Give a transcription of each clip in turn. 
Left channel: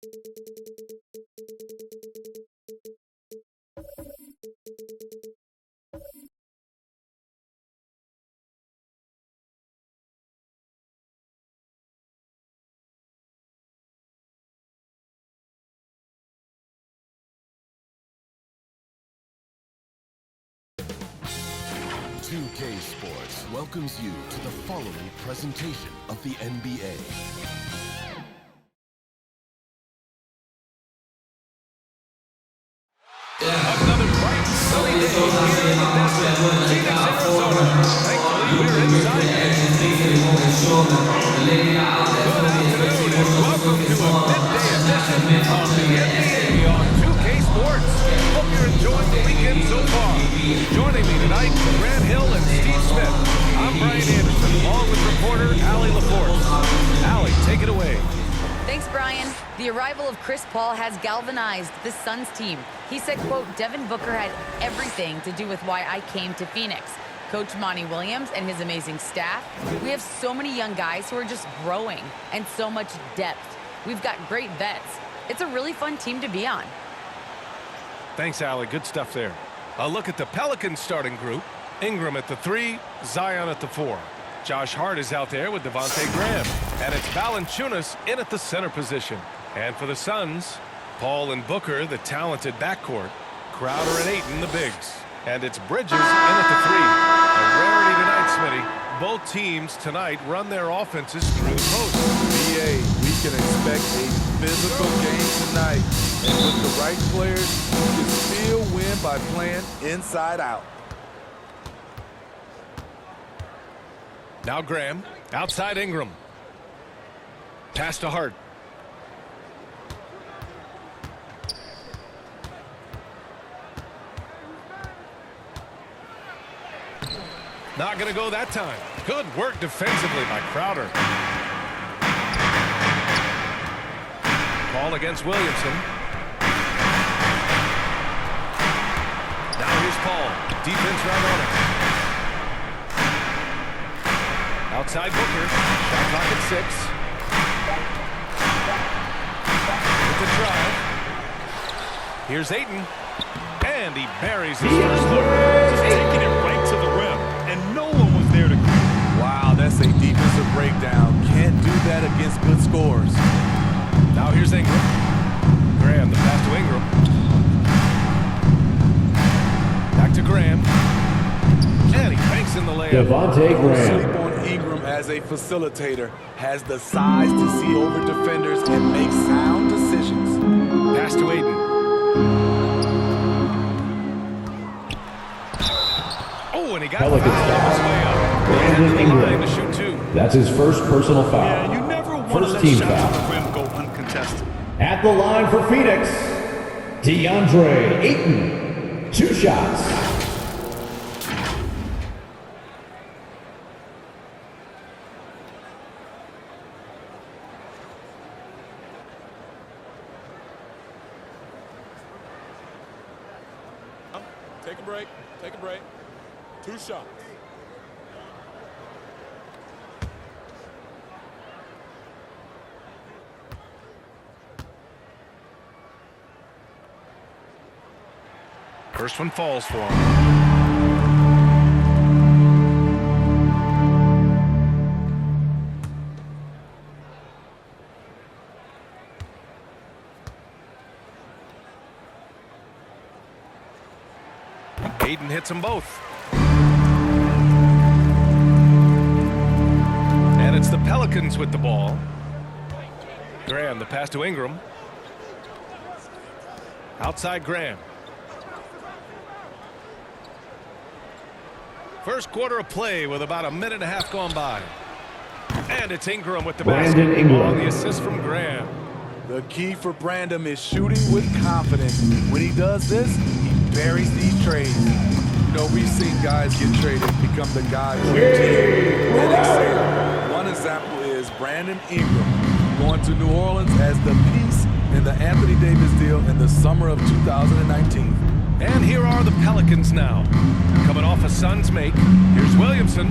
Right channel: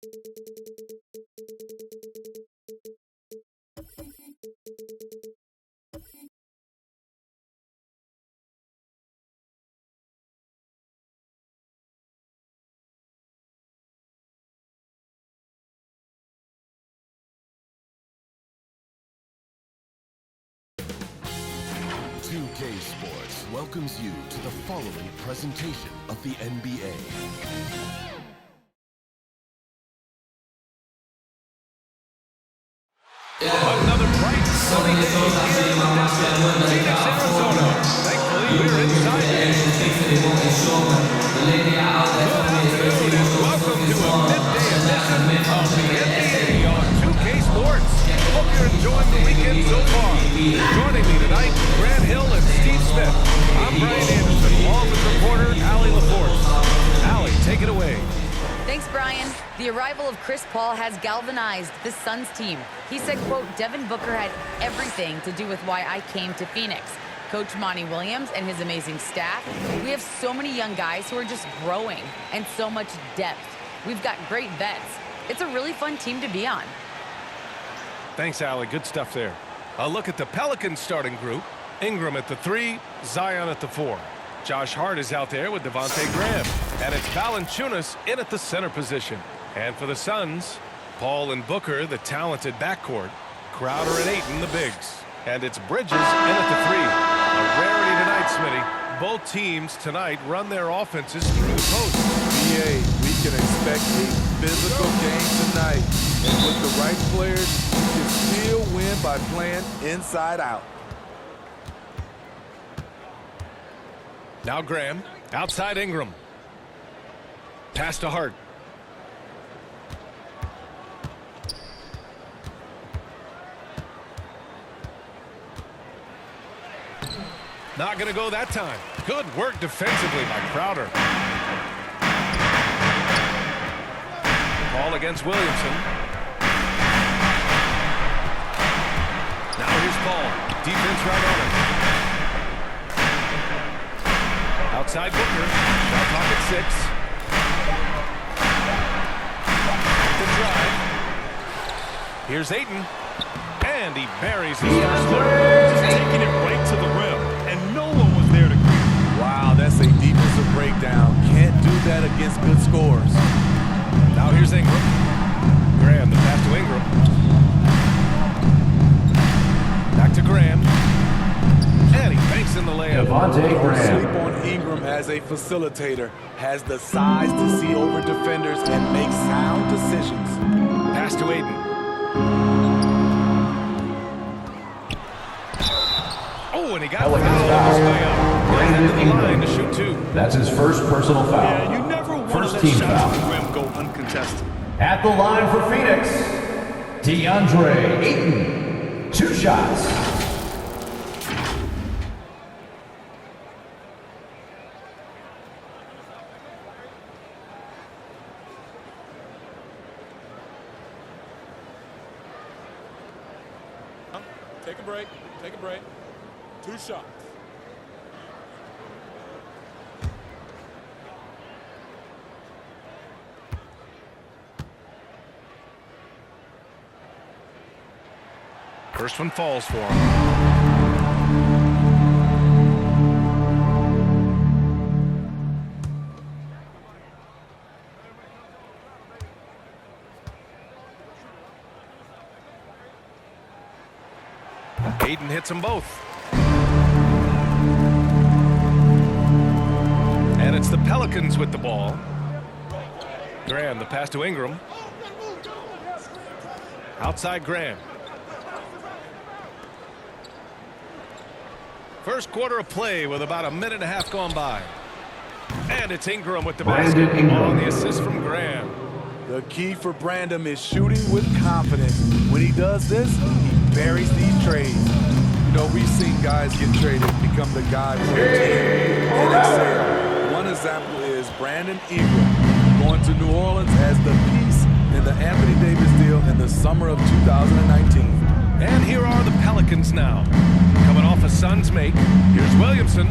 2K Sports welcomes you to the following presentation of the NBA. Another bright, sunny day here in the desert, Phoenix, Arizona. Thankfully, we're inside today. Good afternoon and welcome to a midday edition of the NBA on 2K Sports. Hope you're enjoying the weekend so far. Joining me tonight, Grant Hill and Steve Smith. I'm Brian Anderson, along with reporter Allie LaForce. Allie, take it away. Thanks, Brian. The arrival of Chris Paul has galvanized the Suns team. He said, quote, Devin Booker had everything to do with why I came to Phoenix. Coach Monty Williams and his amazing staff. We have so many young guys who are just growing and so much depth. We've got great vets. It's a really fun team to be on. Thanks, Allie. Good stuff there. A look at the Pelicans starting group. Ingram at the 3, Zion at the 4. Josh Hart is out there with Devontae Graham. And it's Valanciunas in at the center position. And for the Suns, Paul and Booker, the talented backcourt. Crowder and Ayton, the bigs. And it's Bridges in at the 3. A rarity tonight, Smitty. Both teams tonight run their offenses through the post. BA, we can expect a physical game tonight. And with the right players, you can still win by playing inside out. Now Graham, outside Ingram. Pass to Hart. Not going to go that time. Good work defensively by Crowder. Ball against Williamson. Now here's Paul. Defense right on him. Outside Booker. Shot clock at 6. With the drive. Here's Ayton. And he buries his first look. Just taking it right to the rim. And no one was there to greet him. Wow, that's a defensive breakdown. Can't do that against good scores. Now here's Ingram. Graham, the pass to Ingram. Back to Graham. And he banks in the layup. Devontae Don't Graham. sleep on Ingram as a facilitator. Has the size to see over defenders and make sound decisions. Pass to Ayton. Oh, and he got Pelicans fouled on his way up. He'll head to the line to shoot 2. That's his first personal foul. Yeah, you never want to First let team shots foul. at the rim go uncontested. At the line for Phoenix, DeAndre Ayton. 2 shots. Take a break. Take a break. 2 shots. First one falls for him. Ayton hits them both. And it's the Pelicans with the ball. Graham, the pass to Ingram. Outside Graham. First quarter of play with about a minute and a half gone by. And it's Ingram with the basket on the assist from Graham. The key for Brandon is shooting with confidence. When he does this, he buries these trades. You know, we've seen guys get traded, become the guy for the team, and excel. One example is Brandon Ingram going to New Orleans as the piece in the Anthony Davis deal in the summer of 2019. And here are the Pelicans now. Coming off a Suns make. Here's Williamson.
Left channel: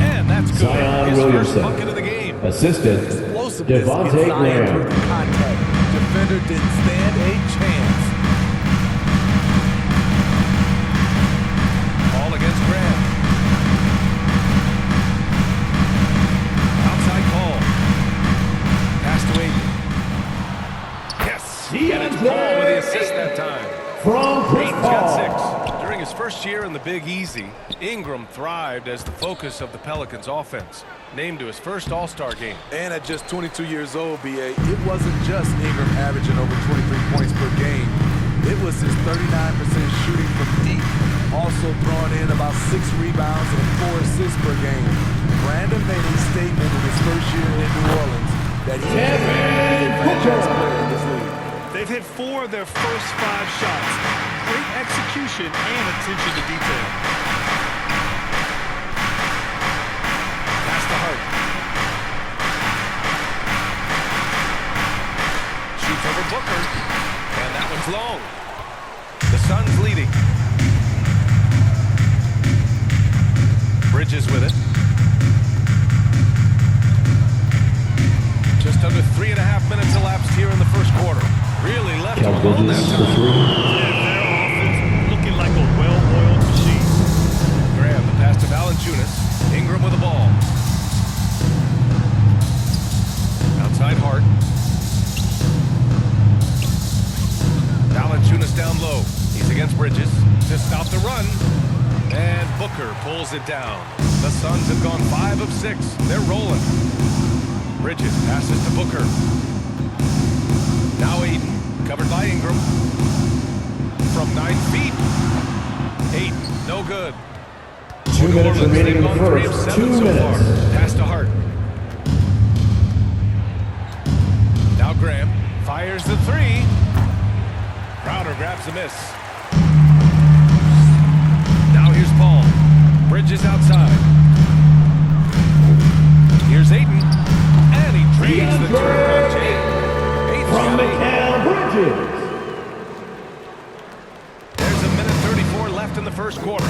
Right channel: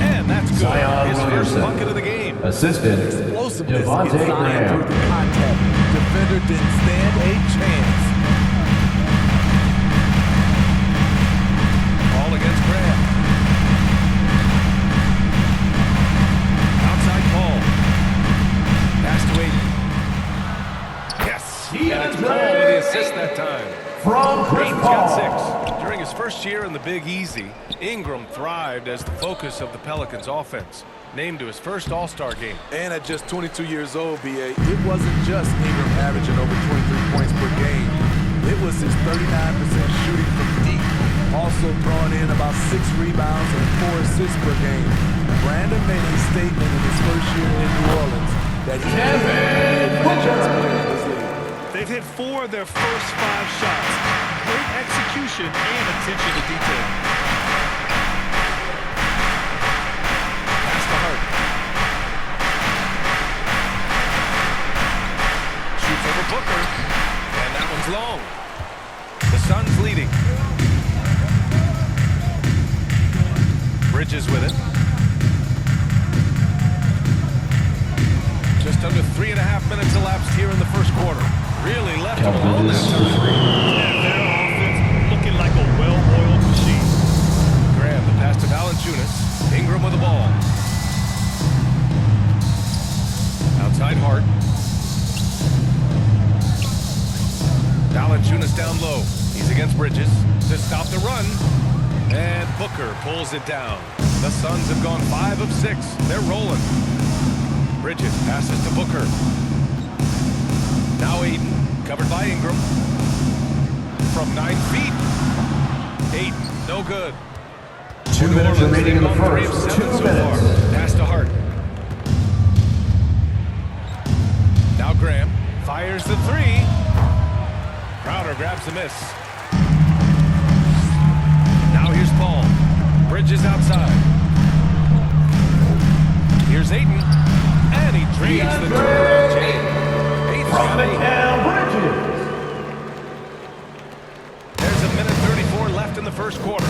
And that's good. Zion His Williamson. first bucket of the game. Assistant, Explosiveness Devontae is Zion Graham. through the contact. defender didn't stand a chance. Ball against Graham. Outside Paul. Pass to Aiden. Yes! And it's Paul with the assist that time. From Chris Aiden's got Paul. 6. During his first year in the Big Easy, Ingram thrived as the focus of the Pelicans offense. Named to his first All-Star game. And at just 22 years old, BA, it wasn't just Ingram averaging over 23 points per game. It was his 39% shooting from deep, also throwing in about 6 rebounds and 4 assists per game. Brandon made a statement in his first year in New Orleans that he can be a franchise player in this league. They've hit 4 of their first 5 shots. Great execution and attention to detail. Pass to Hart. Shoots over Booker. And that one's long. The Suns leading. Bridges with it. Just under 3.5 minutes elapsed here in the first quarter. Really left him alone that time. And their offense looking like a well-oiled machine. Graham, the pass to Valanciunas. Ingram with the ball. Outside Hart. Valanciunas down low. He's against Bridges to stop the run. And Booker pulls it down. The Suns have gone 5 of 6. They're rolling. Bridges passes to Booker. Now Aiden, covered by Ingram. From 9 feet. Aiden, no good. 2 New minutes Orleans, remaining they've in the gone 3 of first. 7 2 so minutes. far. Pass to Hart. Now Graham fires the 3. Crowder grabs the miss. Now here's Paul. Bridges outside. Here's Aiden. And he drains the turnaround chain. Aiden's From got 8. Mikal Bridges. There's a minute 34 left in the first quarter.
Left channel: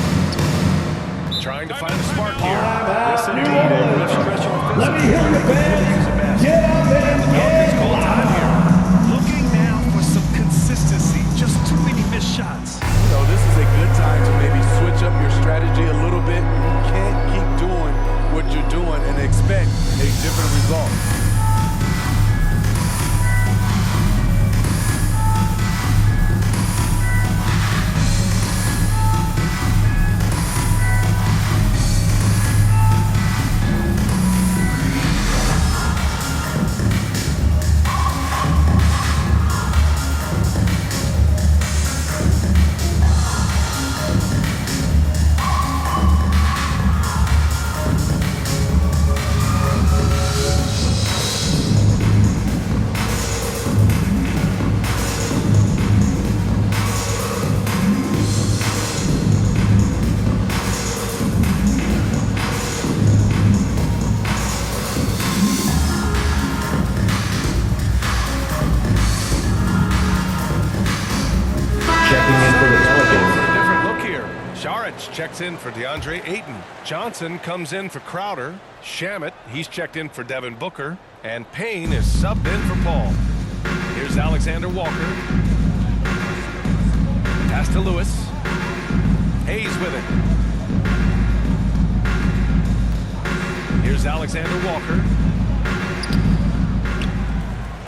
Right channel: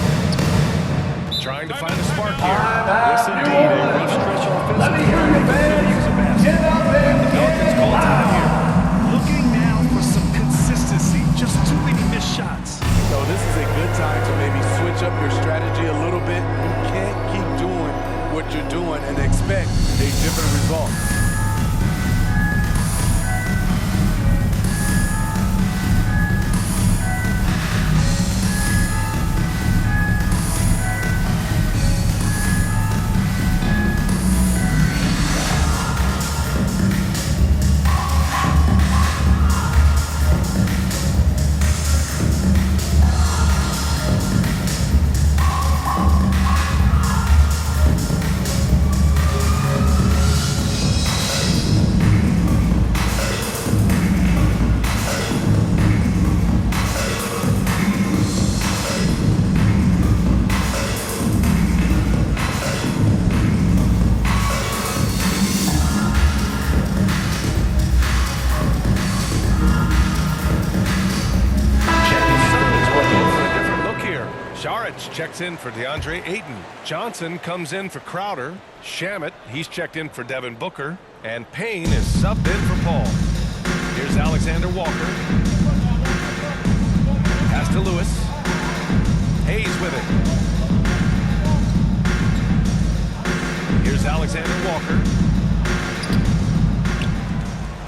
Trying to find a spark here. Yes, indeed. A rough stretch offensively. Let me hear you, They could really fans. use a basket. Get out there and The Pelicans get call time loud. here. Looking now for some consistency. Just too many missed shots. So this is a good time to maybe switch up your strategy a little bit. You can't keep doing what you're doing and expect a different result. Saric checks in for DeAndre Ayton. Johnson comes in for Crowder. Shamet, he's checked in for Devin Booker. And Payne is subbed in for Paul. Here's Alexander Walker. Pass to Lewis. Hayes with it. Here's Alexander Walker.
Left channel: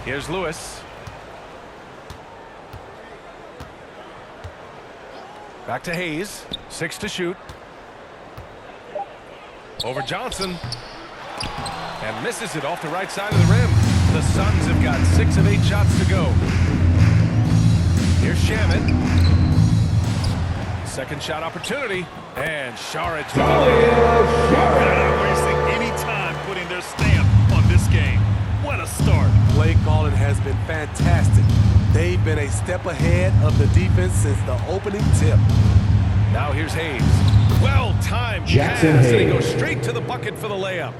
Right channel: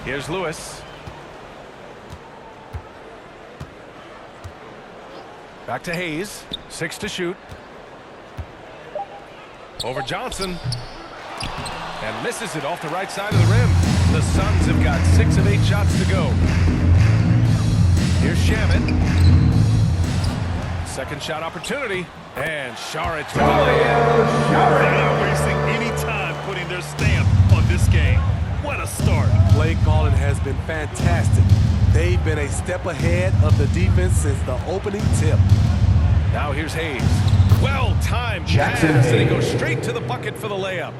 Here's Lewis. Back to Hayes. 6 to shoot. Over Johnson. And misses it off the right side of the rim. The Suns have got 6 of 8 shots to go. Here's Shamet. Second shot opportunity. And Saric with the layup. They're not wasting any time putting their stamp on this game. What a start. Play calling has been fantastic. They've been a step ahead of the defense since the opening tip. Now here's Hayes. Well-timed Jackson pass, and he Hayes. goes straight to the bucket for the layup.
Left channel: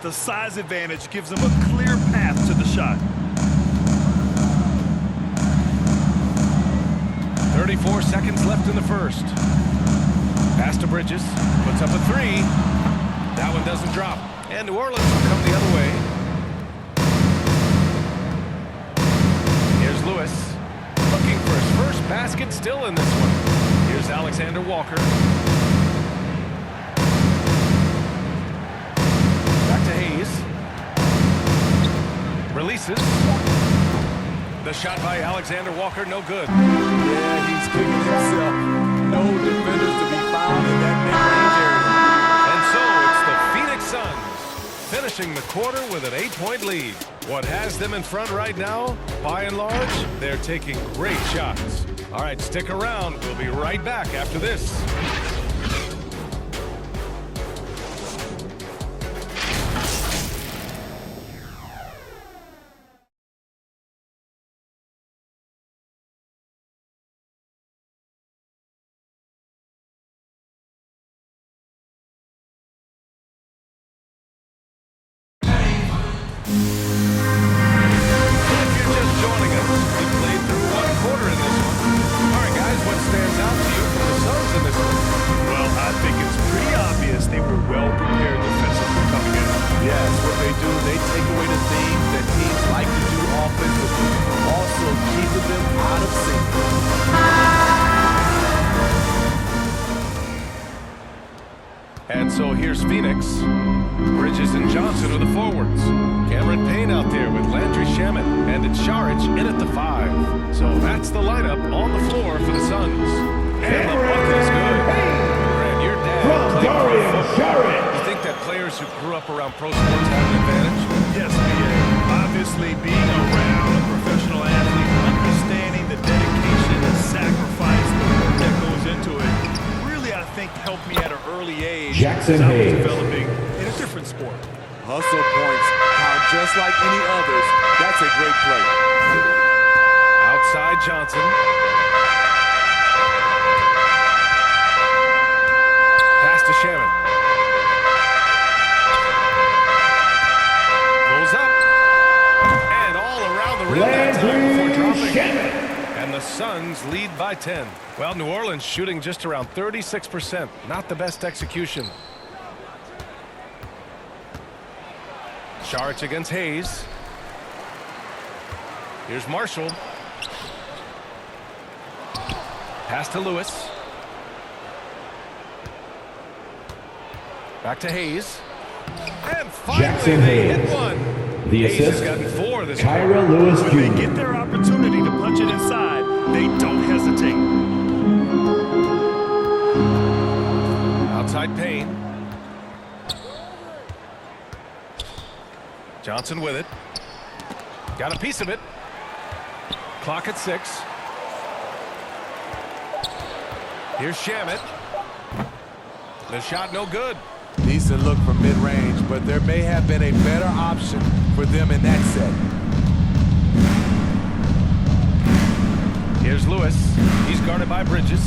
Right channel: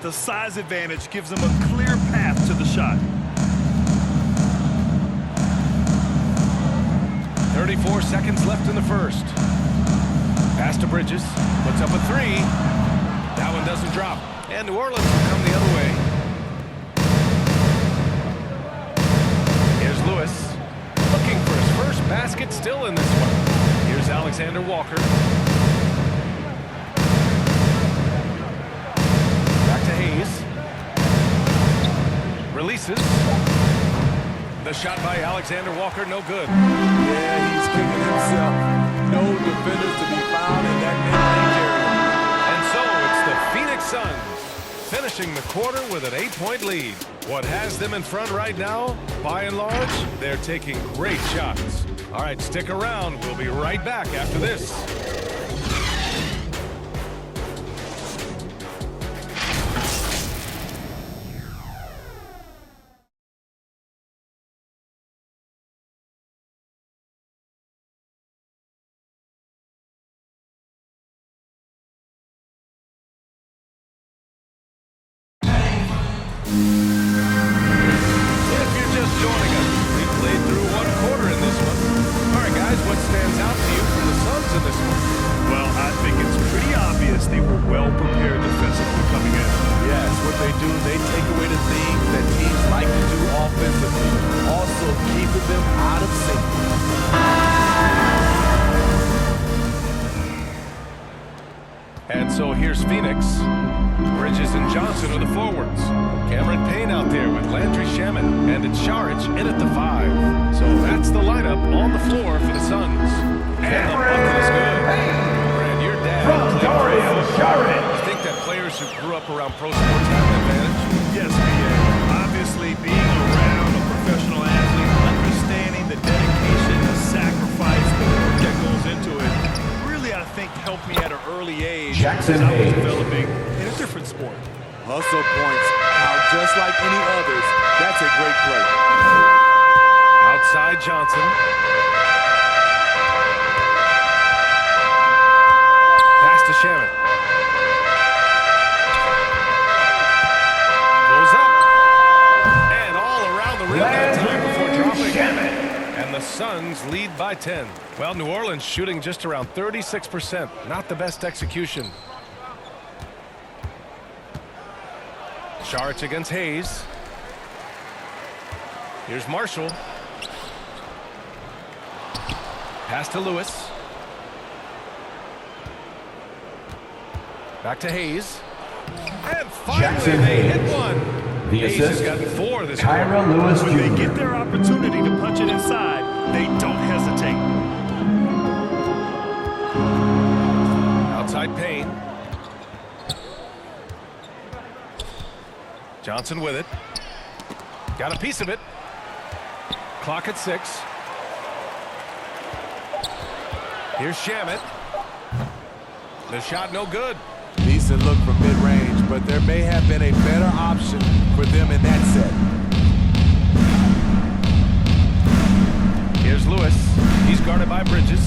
The size advantage gives them a clear path to the shot. 34 seconds left in the first. Pass to Bridges. Puts up a 3. That one doesn't drop. And New Orleans will come the other way. Here's Here's Lewis. Looking for his first basket still in this one. Here's Alexander Walker. Back to Hayes. Releases. The shot by Alexander Walker, no good. Yeah, he's kicking himself. No defenders to be found in that mid-range area. And so it's the Phoenix Suns finishing the quarter with an 8-point lead. What has them in front right now? By and large, they're taking great shots. All right, stick around. We'll be right back after this. If you're just joining us, we played through one quarter in this one. All right, guys, what stands out to you from the Suns in this one? Well, I think it's pretty obvious they were well prepared defensively coming in. Yes, what they do, they take away the things that teams like to do offensively, also keeping them out of sync. And so here's Phoenix. Bridges and Johnson are the forwards. Cameron Payne out there with Landry Shamet. And it's Saric in at the 5. So that's the lineup on the floor for the Suns. And the bucket is good. Brad, your dad played pro football. You think that players who grew up around pro sports have an advantage? Yes, B.A. Obviously, being around a professional athlete, understanding the dedication, the sacrifice, the work that goes into it, really, I think, helped me at an early age Jackson as I was Hayes. developing in a different sport. Hustle points count just like any others. That's a great play. Outside Johnson. Pass to Shaman. Goes up. And all around the rim that time before dropping. And the Suns lead by 10. Well, New Orleans shooting just around 36%. Not the best execution. Saric against Hayes. Here's Marshall. Pass to Lewis. Back to Hayes. And finally Jackson they Hayes. hit one. The Hayes has assist, gotten 4 this Kyra quarter. Lewis When they Jr. get their opportunity to punch it inside, they don't hesitate. Outside Payne. Johnson with it. Got a piece of it. Clock at 6. Here's Shamet. The shot no good. Decent look from mid-range, but there may have been a better option for them in that set. Here's Lewis. He's guarded by Bridges.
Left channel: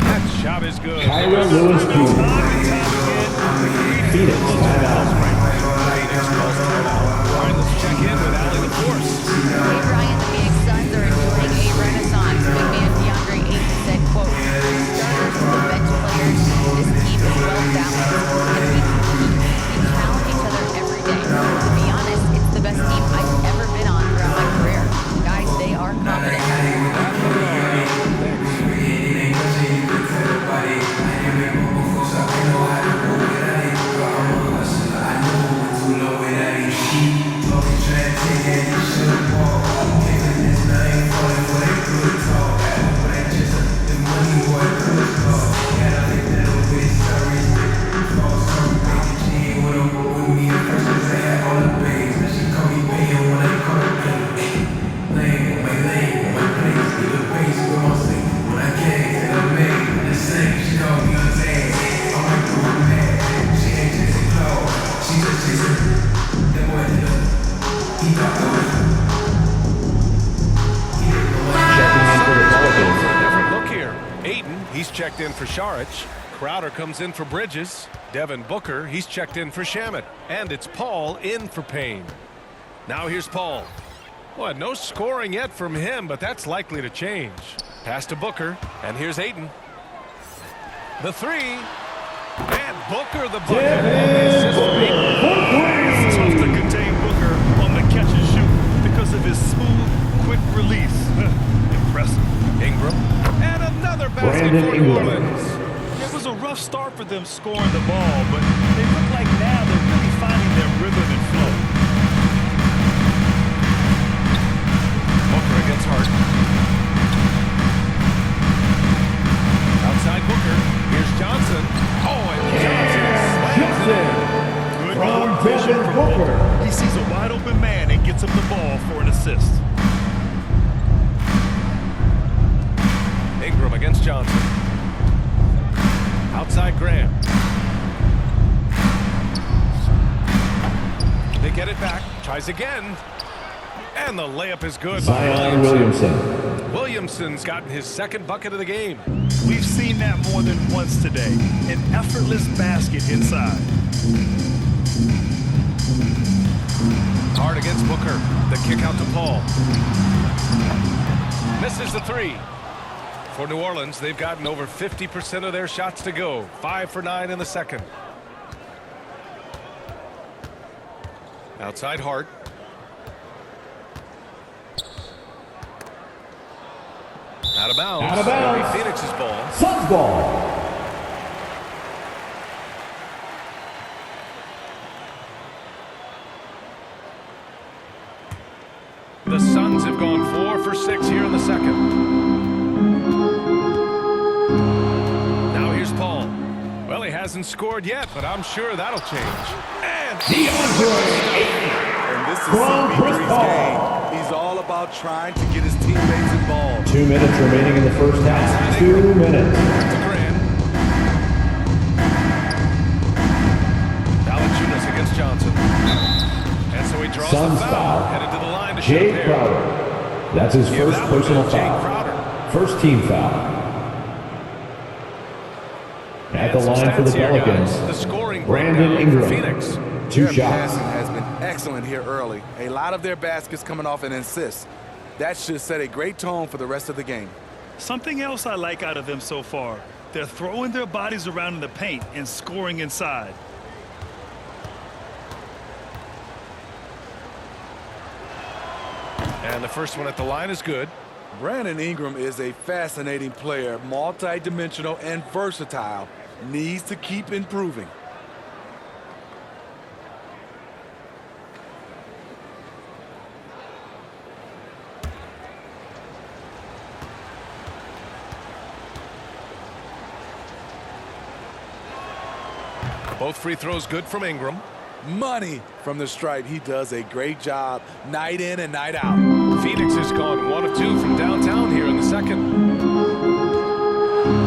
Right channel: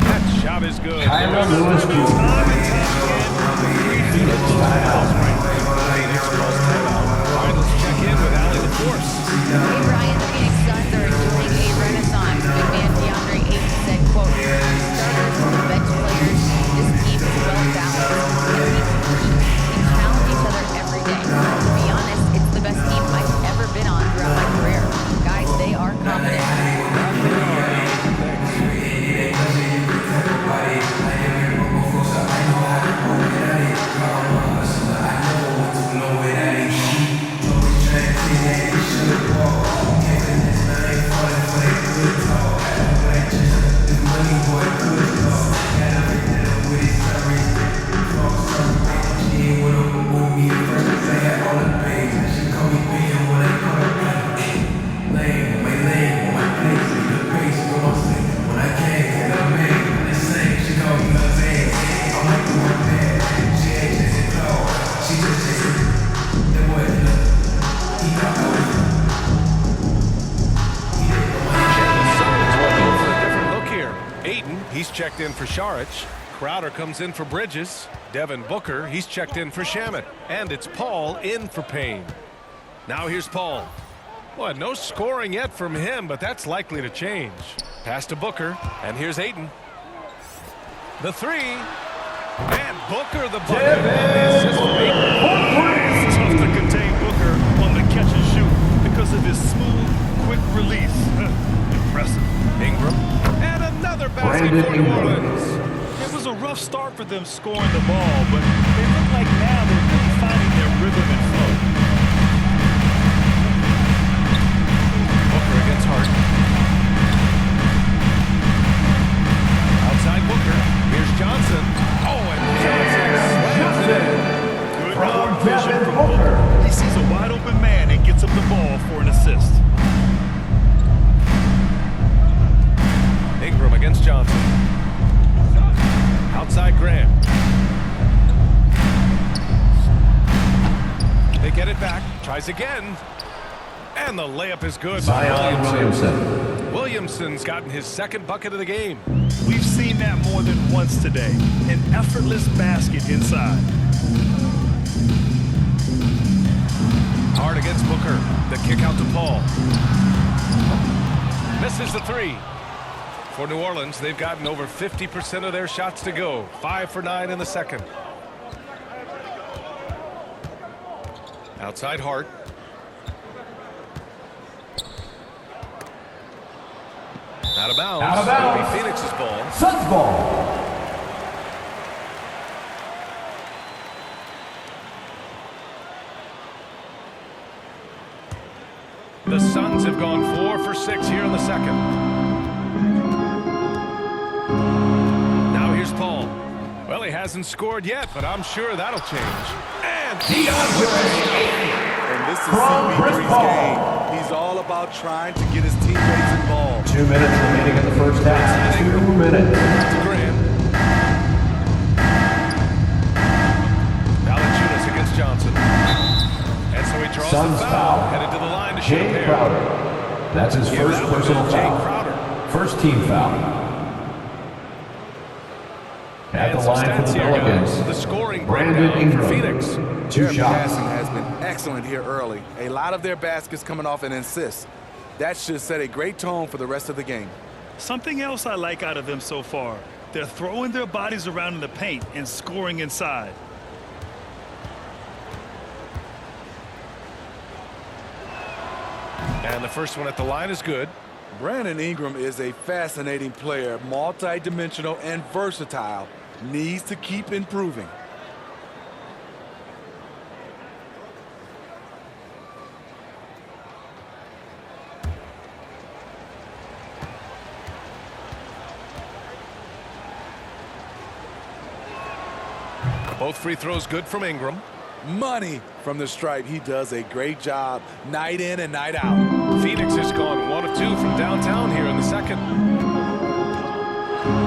That shot is good. Kyra Lewis Time Jr. and time again, the Phoenix calls right. Phoenix calls timeout. All right, let's check in with Allie LaForce. Hey, Brian, the Phoenix Suns are enjoying a renaissance. Big man DeAndre Ayton said, quote, starters to the bench players, this team is well balanced, and we compete. We challenge each other every day. To be honest, it's the best team I've ever been on throughout my career. Guys, they are confident. That they are, Allie. Thanks. He's checked in for Saric. Crowder comes in for Bridges. Devin Booker, he's checked in for Shamet. And it's Paul in for Payne. Now here's Paul. Boy, no scoring yet from him, but that's likely to change. Pass to Booker, and here's Ayton. The 3. And Booker the bucket on the assist from Ayton. It's tough to contain Booker on the of his smooth, quick release. Impressive. Ingram. And another basket Brandon for New Ingram. Orleans. It was a rough start for them scoring the ball, but they look like now they're really finding their rhythm and flow. Booker against Hart. Outside Booker. Here's Johnson. Oh, and Johnson slams it in. Good From guard vision Devin from Booker. Booker. He sees a wide open man and gets him the ball for an assist. Ingram against Johnson. Outside Graham. They get it back. Tries again. And the layup is good by Zion Williamson. Williamson's gotten his second bucket of the game. We've seen that more than once today. An effortless basket inside. Hard against Booker. The kick out to Paul. Misses the three. For New Orleans, they've gotten over 50% of their shots to go. 5 for 9 in the second. Outside Hart. Out of bounds. Out of bounds. It'll be Phoenix's ball. Suns ball. The Suns have gone 4 for 6 here in the second. Now here's Paul. Well, he hasn't scored yet, but I'm sure that'll change. And And this is From Chris CP3's Paul. game. He's all about trying to get his teammates involved. 2 minutes remaining in the first half. 2 minutes. Back to Graham. Valanciunas against Johnson. And so he draws Suns the foul. foul. Headed to the line to shoot a Jay pair. Crowder. That's his Give first that one to personal Jay foul. Crowder. First team foul. At the And some line for the stats here, Pelicans. guys. The scoring Brandon breakdown for Ingram. Phoenix. 2 Their shots. passing has been excellent here early. A lot of their baskets coming off an assist. That should set a great tone for the rest of the game. Something else I like out of them so far. They're throwing their bodies around in the paint and scoring inside. And the first one at the line is good. Brandon Ingram is a fascinating player, multi-dimensional and versatile. Needs to keep improving. Both free throws good from Ingram. Money from the stripe. He does a great job night in and night out. Phoenix has gone 1 of 2 from downtown here in the second.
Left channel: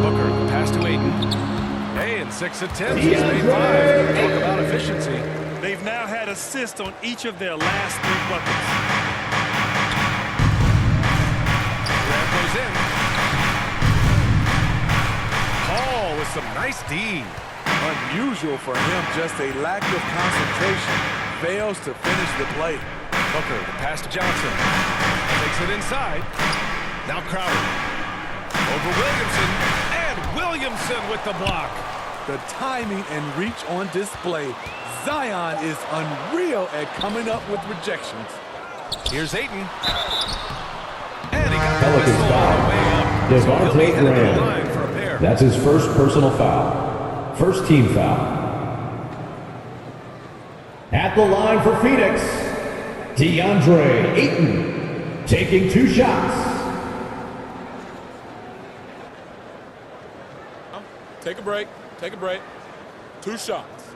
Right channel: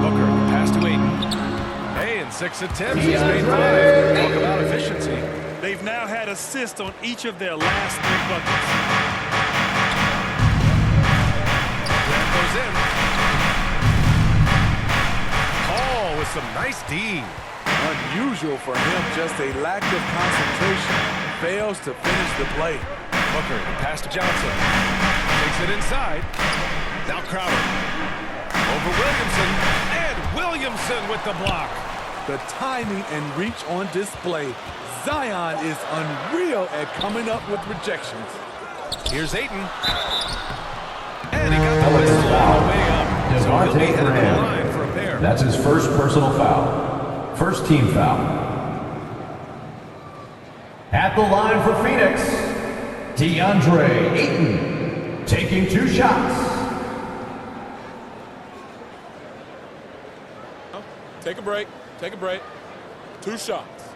Booker, the pass to Ayton. Hey, in 6 attempts, he's made 5. Talk about efficiency. They've now had assists on each of their last 3 buckets. Graham goes in. Paul with some nice D. Unusual for him, just a lack of concentration. Fails to finish the play. Booker, the pass to Johnson. Takes it inside. Now Crowder. Over Williamson. And Williamson with the block. The timing and reach on display. Zion is unreal at coming up with rejections. Here's Ayton. And he got the Pelicans whistle foul. on the way up. So he'll be Devontae headed to the Graham. line for a pair. That's his first personal foul. First team foul. At the line for Phoenix, DeAndre Ayton taking 2 shots. Take a break. Take a break. 2 shots.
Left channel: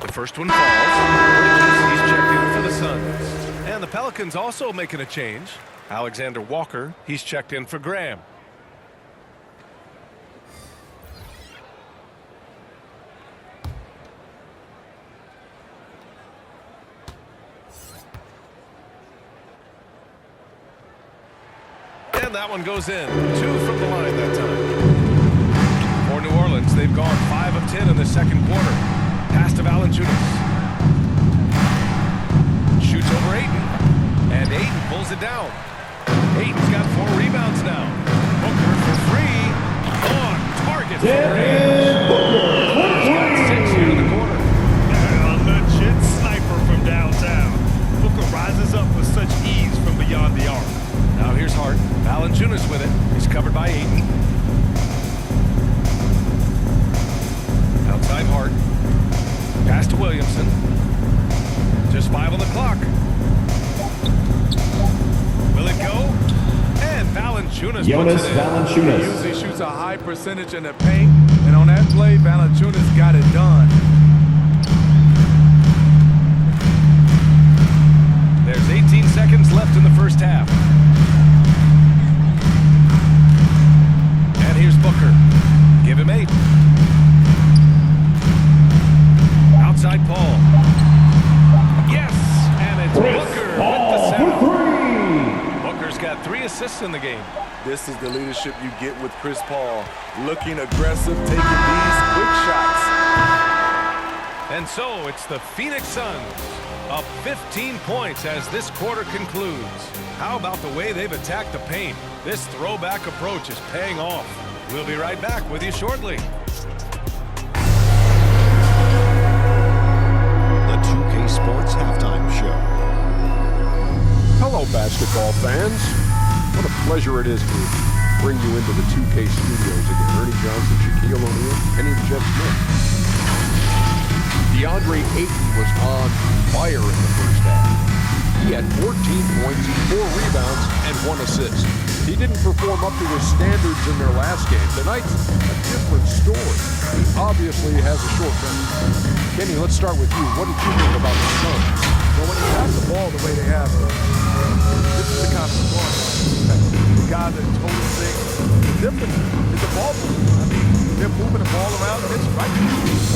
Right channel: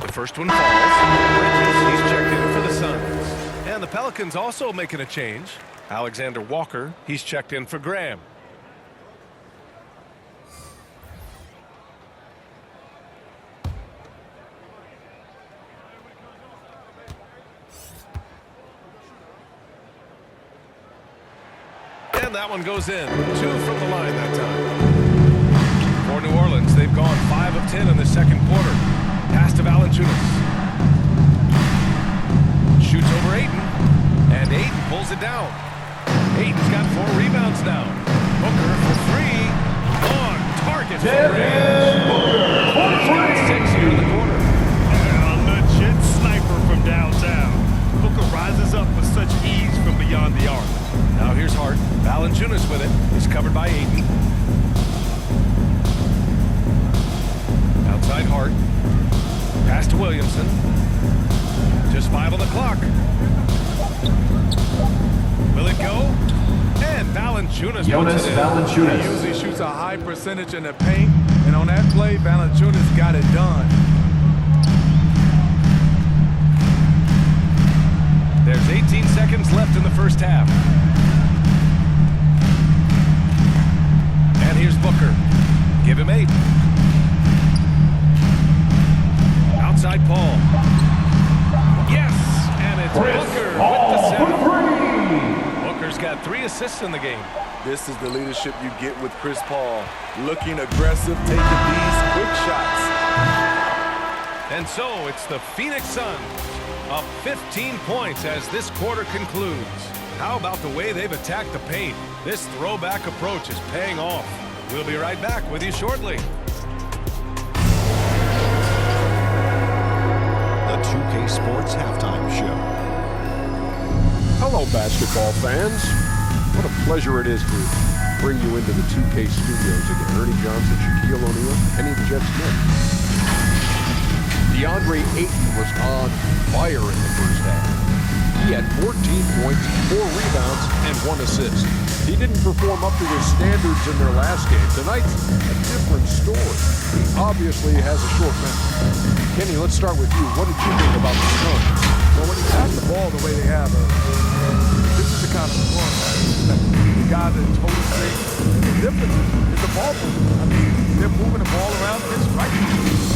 The first one falls. Bridges, he's checked in for the Suns. And the Pelicans also making a change. Alexander Walker, he's checked in for Graham. And that one goes in. 2 from the line that time. For New Orleans, they've gone 5 of 10 in the second quarter. Pass to Valanciunas. Shoots over Ayton. And Ayton pulls it down. Ayton's got 4 rebounds now. Booker for 3. from range. Booker's got 6 here in the corner. A legit sniper from downtown. Booker rises up with such ease from beyond the arc. Now here's Hart. Valanciunas with it. He's covered by Ayton. Outside Hart. Pass to Williamson. Just 5 on the clock. Will it go? And Valanciunas puts it in. Valanciunas. He usually shoots a high percentage in the paint, and on that play, Valanciunas got it done. There's 18 seconds left in the first half. And here's Booker. Give him 8. Outside Paul. Yes! And it's Booker with the setup. Booker's got 3 assists in the game. This is the leadership you get with Chris Paul. Looking aggressive, taking these quick shots. And so it's the Phoenix Suns up 15 points as this quarter concludes. How about the way they've attacked the paint? This throwback approach is paying off. We'll be right back with you shortly. The 2K Sports Halftime Show. Hello, basketball fans. What a pleasure it is to bring you into the 2K studios again. Ernie Johnson, Shaquille O'Neal, Kenny the Jet Smith. DeAndre Ayton was on fire in the first half. He had 14 points, 4 rebounds, and 1 assist. He didn't perform up to his standards in their last game. Tonight's a different story. He obviously has a short memory. Kenny, let's start with you. What did you think about the Suns? Well, when you pass the ball the way they have, this is the kind of scoring line. The guys that total thing. The difference is the ball movement. I mean, they're moving the ball around and it's right.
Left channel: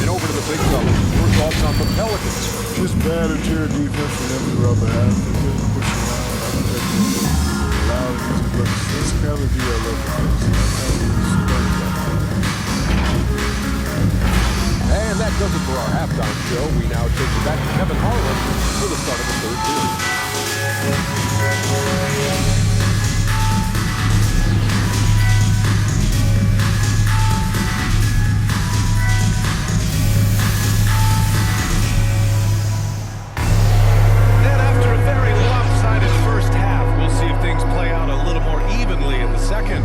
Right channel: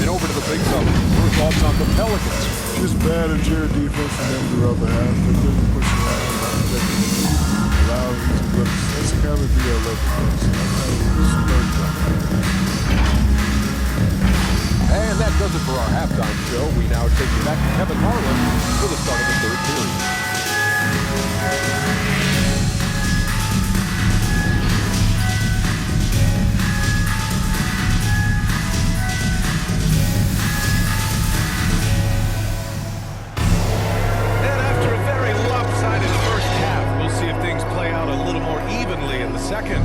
And over to the big fella. Your thoughts on the Pelicans? Just bad interior defense from them throughout the half. They couldn't push around, not protecting, allowing easy looks. That's the kind of D I love to face. That's how it was 30 right now. And that does it for our halftime show. We now take you back to Kevin Harlan for the start of the third period. And after a very lopsided first half, we'll see if things play out a little more evenly in the second.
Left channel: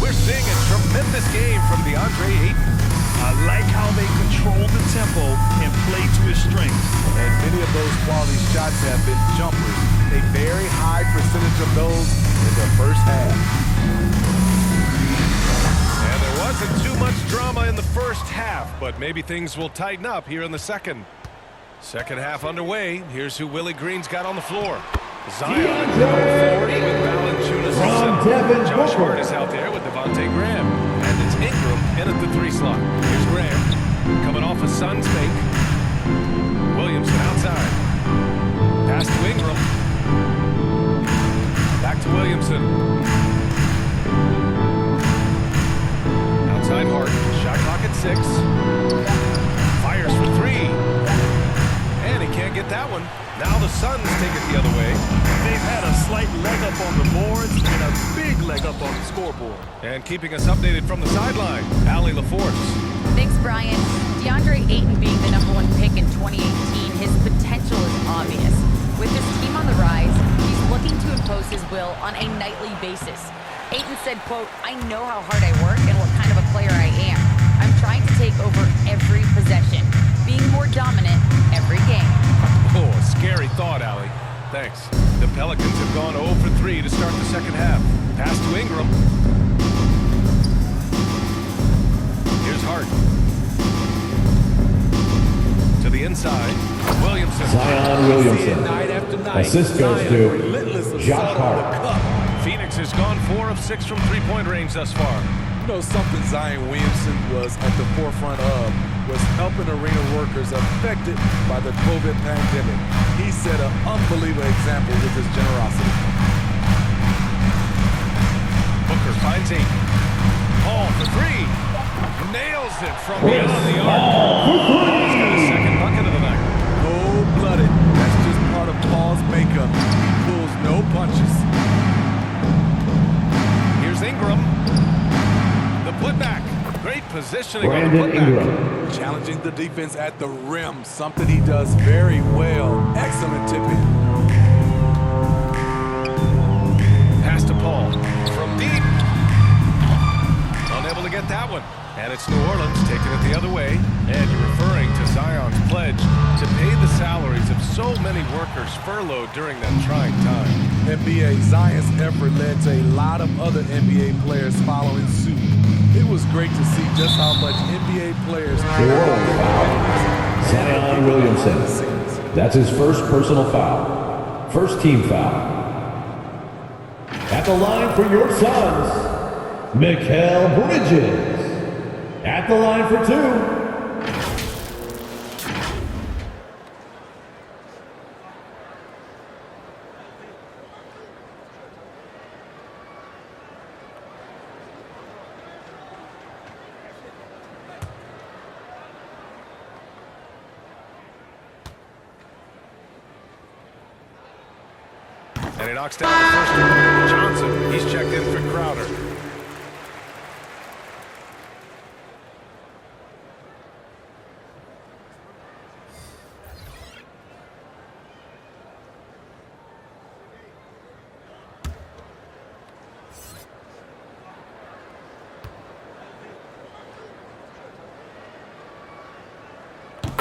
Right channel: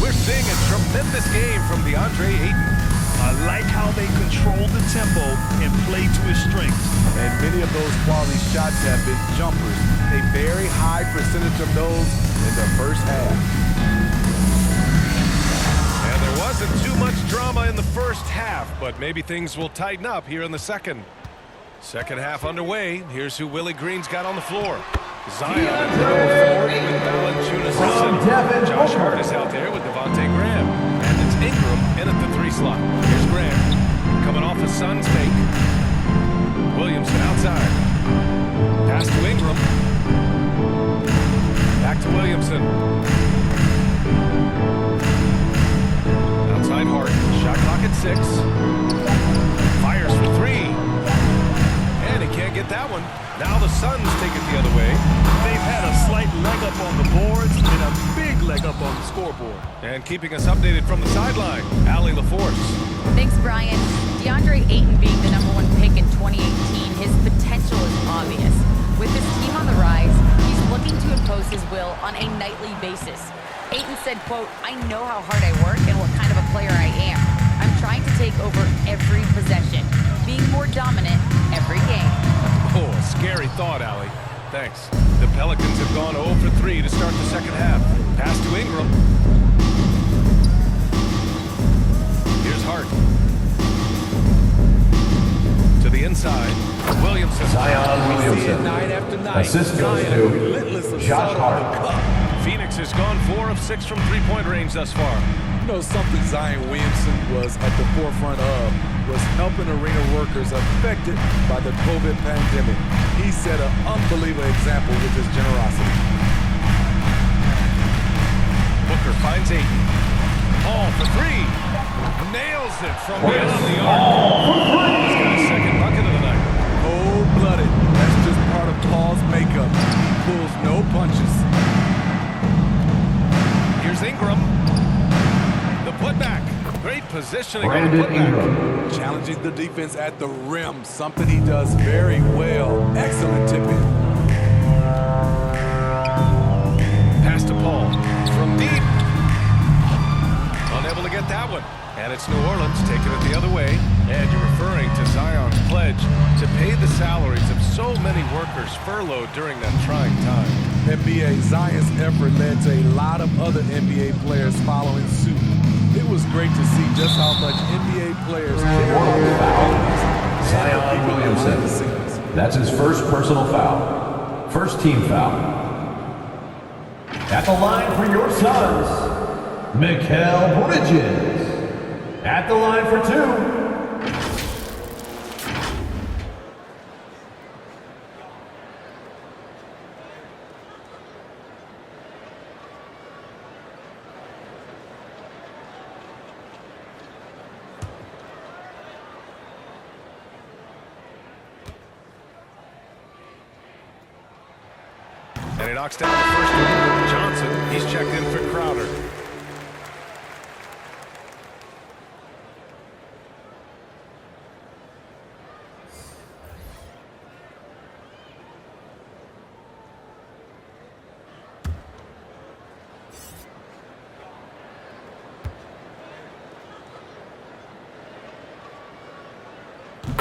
We're seeing a tremendous game from DeAndre Ayton. I like how they control the tempo and play to his strengths. And many of those quality shots have been jumpers. A very high percentage of those in the first half. And there wasn't too much drama in the first half, but maybe things will tighten up here in the second. Second half underway. Here's who Willie Green's got on the floor. Zion at power forward with Valanciunas center. Josh Hart is out there with Devontae Graham. And it's Ingram in at the 3 slot. Here's Graham coming off a Suns make. Williamson outside. Pass to Ingram. Back to Williamson. Outside Hart. Shot clock at 6. Fires for 3. And he can't get that one. Now the Suns take it the other way. They've had a slight leg up on the boards and a big leg up on the scoreboard. And keeping us updated from the sideline, Allie LaForce. Thanks, Brian. DeAndre Ayton being the #1 pick in 2018, his potential is obvious. With his team on the rise, he's looking to impose his will on a nightly basis. Ayton said, quote, "I know how hard I work and what kind of a player I am. I'm trying to take over every possession, being more dominant every game." Oh, a scary thought, Allie. Thanks. The Pelicans have gone 0 for 3 to start the second half. Pass to Ingram. Here's Hart. To the inside. Williamson. Zion Williamson. Night after night. Assist goes Zion, to relentless Josh assault on Hart. the cup. Phoenix has gone 4 of 6 from three-point range thus far. You know something Zion Williamson was at the forefront of was helping arena workers affected by the COVID pandemic. He set an unbelievable example with his generosity. Booker finds Ayton. Paul for 3. Nails it from beyond the arc. Paul's got his second bucket of the night. Cold-blooded. That's just part of Paul's makeup. He pulls no punches. Here's Ingram. The putback. Great positioning on the Brandon putback. Ingram. Challenging the defense at the rim, something he does very well. Excellent tip in. Pass to Paul from deep. Unable to get that one. And it's New Orleans taking it the other way. And you're referring to Zion's pledge to pay the salaries of so many workers furloughed during that trying time. NBA, Zion's effort led to a lot of other NBA players following suit. It was great to see just how much NBA players care about their communities and the Zion people behind the Williamson. scenes. That's his first personal foul. First team foul. At the line for your Suns, Mikal Bridges. At the line for 2. And he knocks down the first one. Johnson, he's checked in for Crowder.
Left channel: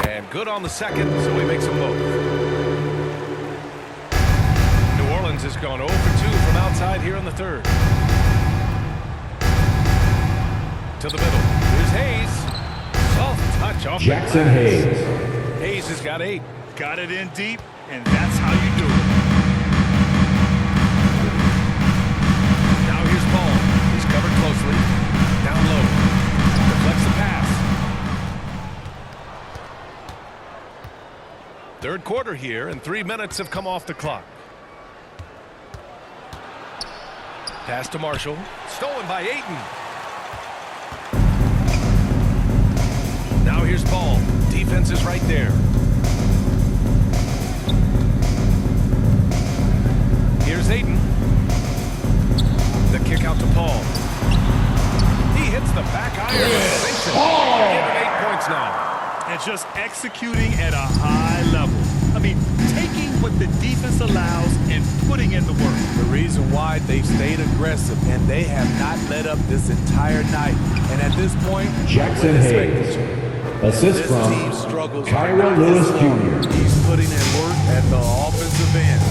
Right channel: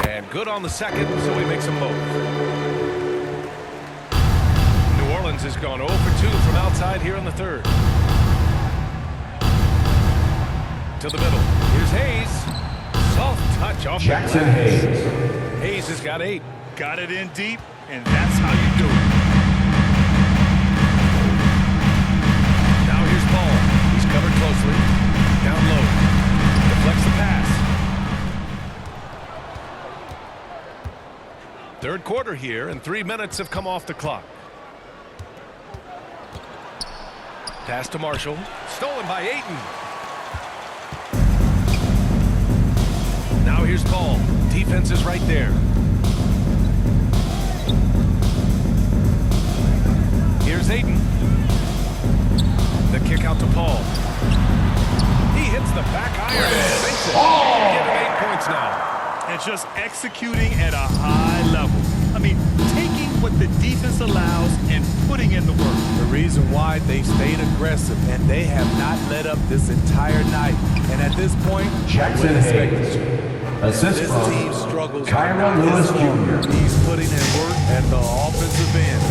And good on the second, so he makes them both. New Orleans has gone 0 for 2 from outside here in the third. To the middle. Here's Hayes. Soft touch off Jackson the glass. Hayes. Hayes has got 8. Got it in deep, and that's how you do it. Now here's Paul. He's covered closely. Down low. Deflects the pass. Third quarter here, and 3 minutes have come off the clock. Pass to Marshall. Stolen by Ayton. Now here's Paul. Defense is right there. Here's Ayton. The kick out to Paul. He hits the back iron and sinks it. Give him 8 points now. And just executing at a high level. I mean, taking what the defense allows and putting in the work. The reason why they've stayed aggressive and they have not let up this entire night. And at this point, Jackson I would expect Hayes. it to. Assist This from team struggles Kyra not Lewis his fault. Jr. He's putting in work at the offensive end.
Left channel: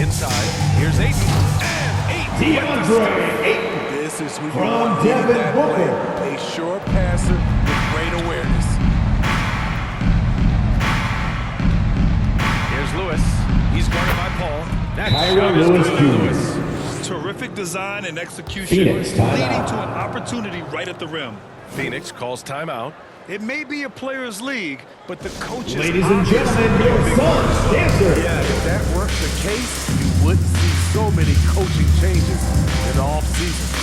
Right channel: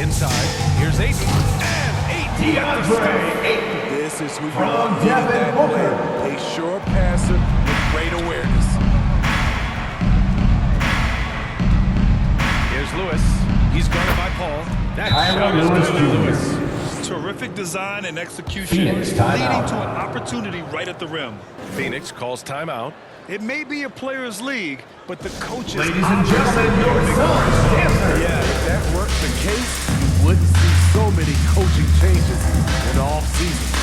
Inside. Here's Ayton. And Ayton with the stuff. DeAndre Ayton. This is who you From want leading Devin that Booker. play. A sure passer with great awareness. Here's Lewis. He's guarded by Paul. That Kyra shot is Lewis good by Jr. Lewis. Terrific design and execution, Phoenix, timeout. leading to an opportunity right at the rim. Phoenix calls timeout. It may be a player's league, but the coaches Ladies and gentlemen, your Suns dancer. Yeah, if that weren't the case, you wouldn't see so many coaching changes in the offseason.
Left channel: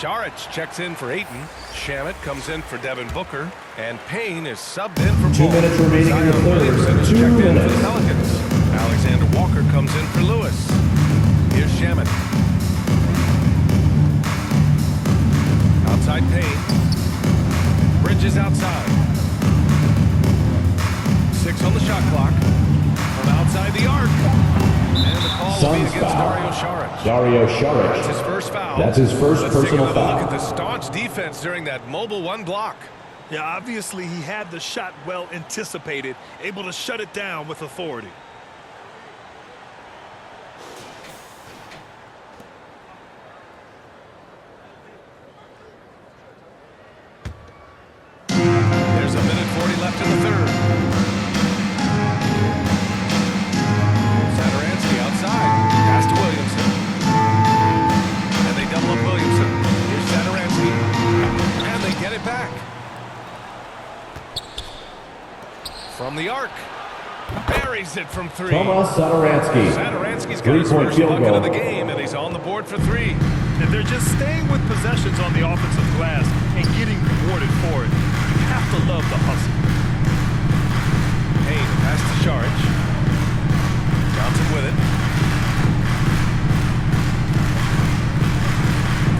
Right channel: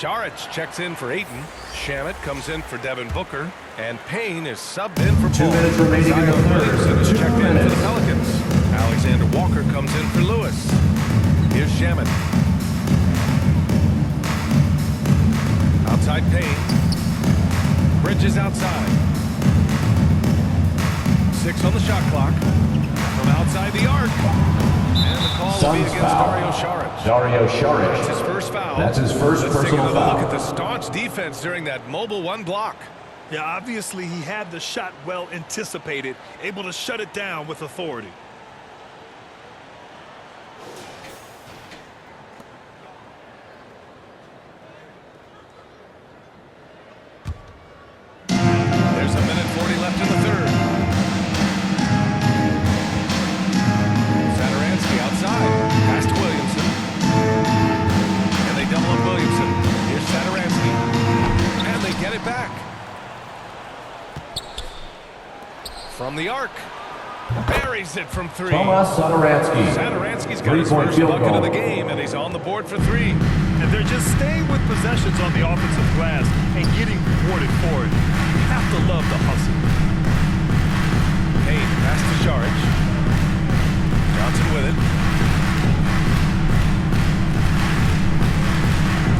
Šarić checks in for Ayton. Shamet comes in for Devin Booker. And Payne is subbed in for 2 Paul. minutes remaining in the Zion third. Williamson is 2 checked in for the minutes. Pelicans. Alexander Walker comes in for Lewis. Here's Shamet. Outside Payne. Bridges outside. 6 on the shot clock. From outside the arc. And the call will be Suns against foul. Dario Šarić. Dario That's Šarić. his first foul. That's his first Let's take personal another foul. look at the staunch defense during that mobile one block. Yeah, obviously he had the shot well anticipated, able to shut it down with authority. get it back. From the arc. Buries it from three. Thomas Satoransky. Satoransky's got his Three-point first field bucket goal. of the game, and he's on the board for three. And they're just staying with possessions on the offensive glass and getting rewarded for it. You have to love the hustle. Payne pass to Saric. Johnson with it.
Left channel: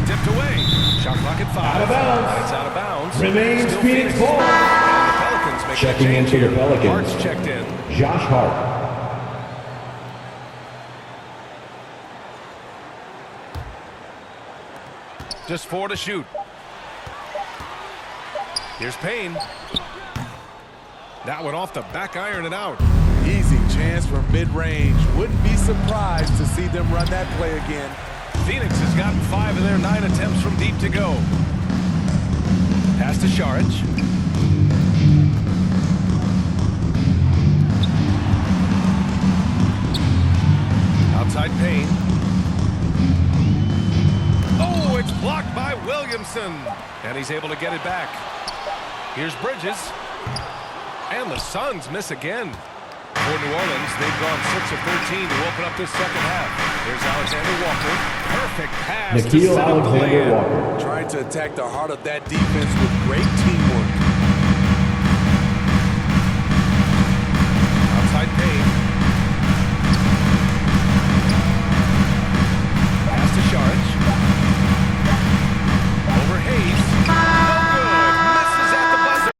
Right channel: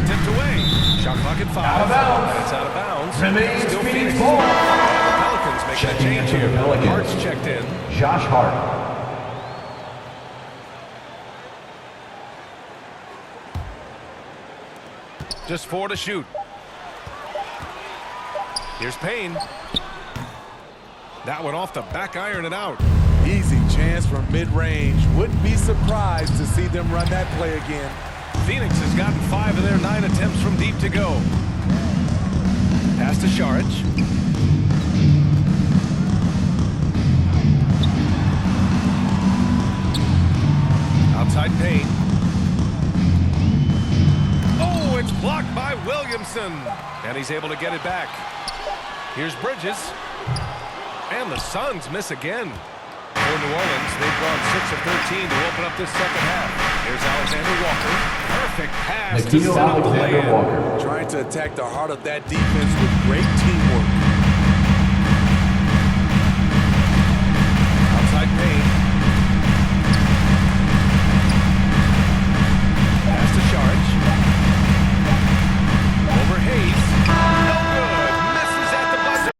Tipped away. Shot clock at 5. Out of bounds. And it's out of bounds. Remains Still Phoenix Phoenix. ball. And the Pelicans making a Checking change into the here. Pelicans. Hart's checked in. Josh Hart. Just 4 to shoot. Here's Payne. That one off the back iron and out. Easy chance from mid-range. Wouldn't be surprised to see them run that play again. Phoenix has gotten 5 of their 9 attempts from deep to go. Pass to Saric. Outside Payne. Oh, it's blocked by Williamson. And he's able to get it back. Here's Bridges. And the Suns miss again. For New Orleans, they've gone 6 of 13 to open up this second half. Here's Alexander Walker. Perfect pass to Nikhil set up the Alexander lay-in. Walker. Trying to attack the heart of that defense with great teamwork. Outside Payne. Pass to Saric. Over Hayes. No good. Misses at the buzzer.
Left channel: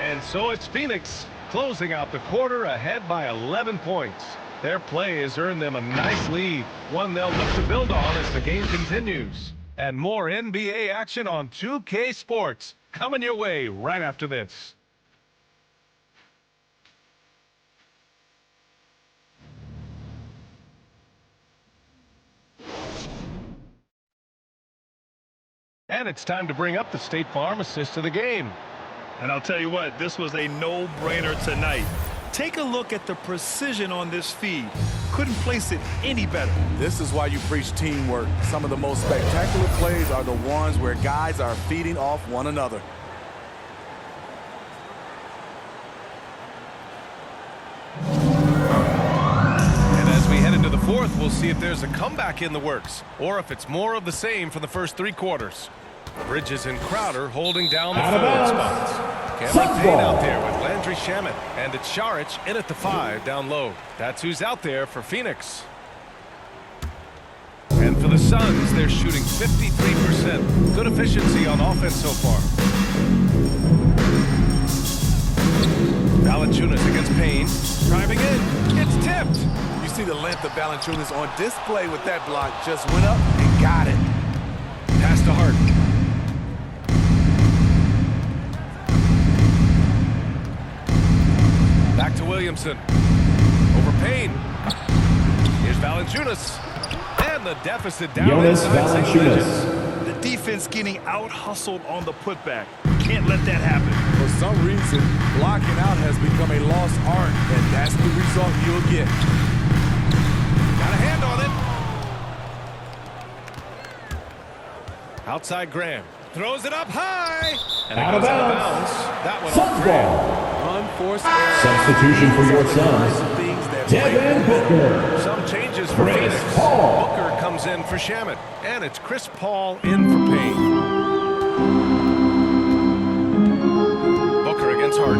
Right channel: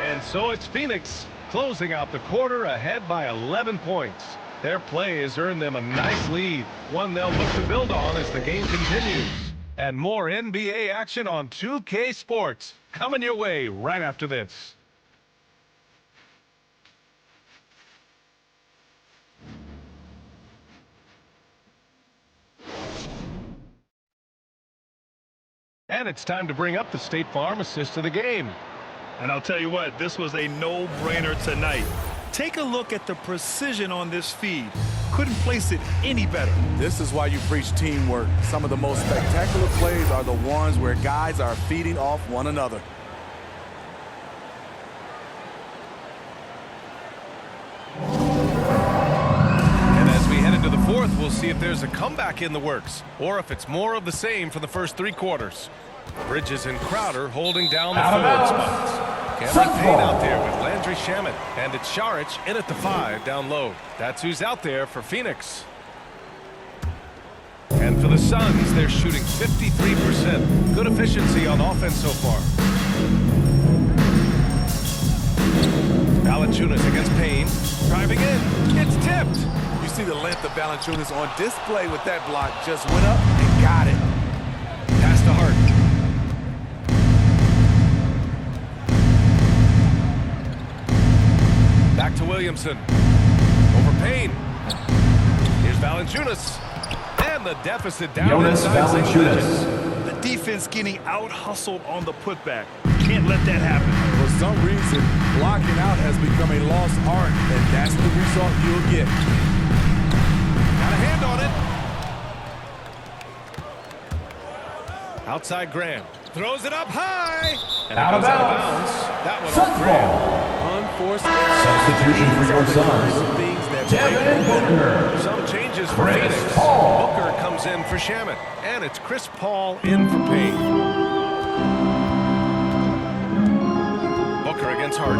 And so it's Phoenix closing out the quarter ahead by 11 points. Their play has earned them a nice lead, one they'll look to build on as the game continues. And more NBA action on 2K Sports coming your way right after this. And it's time to bring up the State Farm assist of the game. And I'll tell you what, this was a no-brainer tonight. Take a look at the precision on this feed. Couldn't place it any better. This is why you preach teamwork. Some of the most spectacular plays are the ones where guys are feeding off one another. And as we head into the fourth, we'll see if there's a comeback in the works, or if it's more of the same for the first 3 quarters. Bridges and Crowder holding down the forward spots. Cameron Payne out there with Landry Shamet. And it's Saric in at the 5 down low. That's who's out there for Phoenix. And for the Suns, they're shooting 53%. Good efficiency on offense so far. Valanciunas against Payne. Driving in. It's tipped. You see the length of Valanciunas on display with that block. Just went up and got it. Pass to Hart. Back to Williamson. Over Payne. Here's Valanciunas. And the deficit down Jonas inside single digits. Valanciunas. The defense getting out-hustled on the putback. Can't let that happen. For some reason, blocking out has become a lost art, and that's the result you'll get. Got a hand on it. Outside Graham. Throws it up high. And it goes out of bounds. That one off Graham. Unforced error. Substitution for your These are the kinds Suns. of things that break Devin momentum. Booker. Some changes for Chris Phoenix. Paul. Booker comes in for Shamet. And it's Chris Paul in for Payne. Booker against Hart.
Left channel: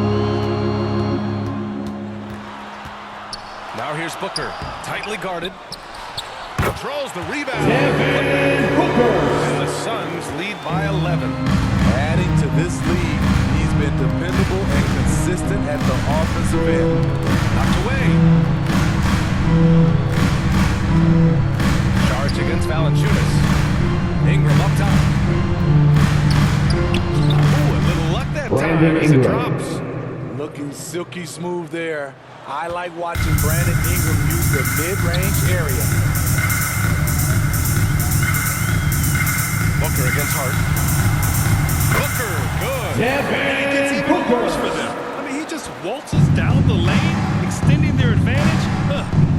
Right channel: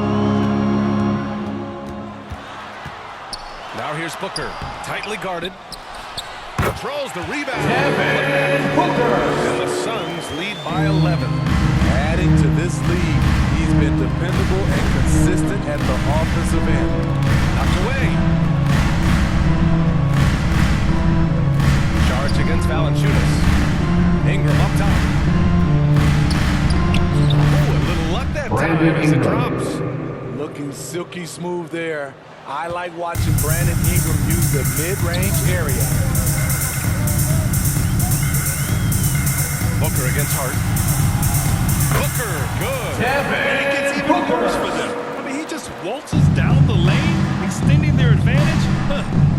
Now here's Booker. Tightly guarded. Controls the rebound. Devin Booker. And the Suns lead by 11. Adding to this lead, he's been dependable and consistent at the offensive end. Knocked away. Charge against Valanciunas. Ingram up top. Ooh, a little luck that Brandon time as it Ingram. drops. Looking silky smooth there. I like watching Brandon Ingram use the mid-range area. Booker against Hart. Booker, good. And it gets Devin even worse for Booker. them. I mean, he just waltzes down the lane, extending their advantage.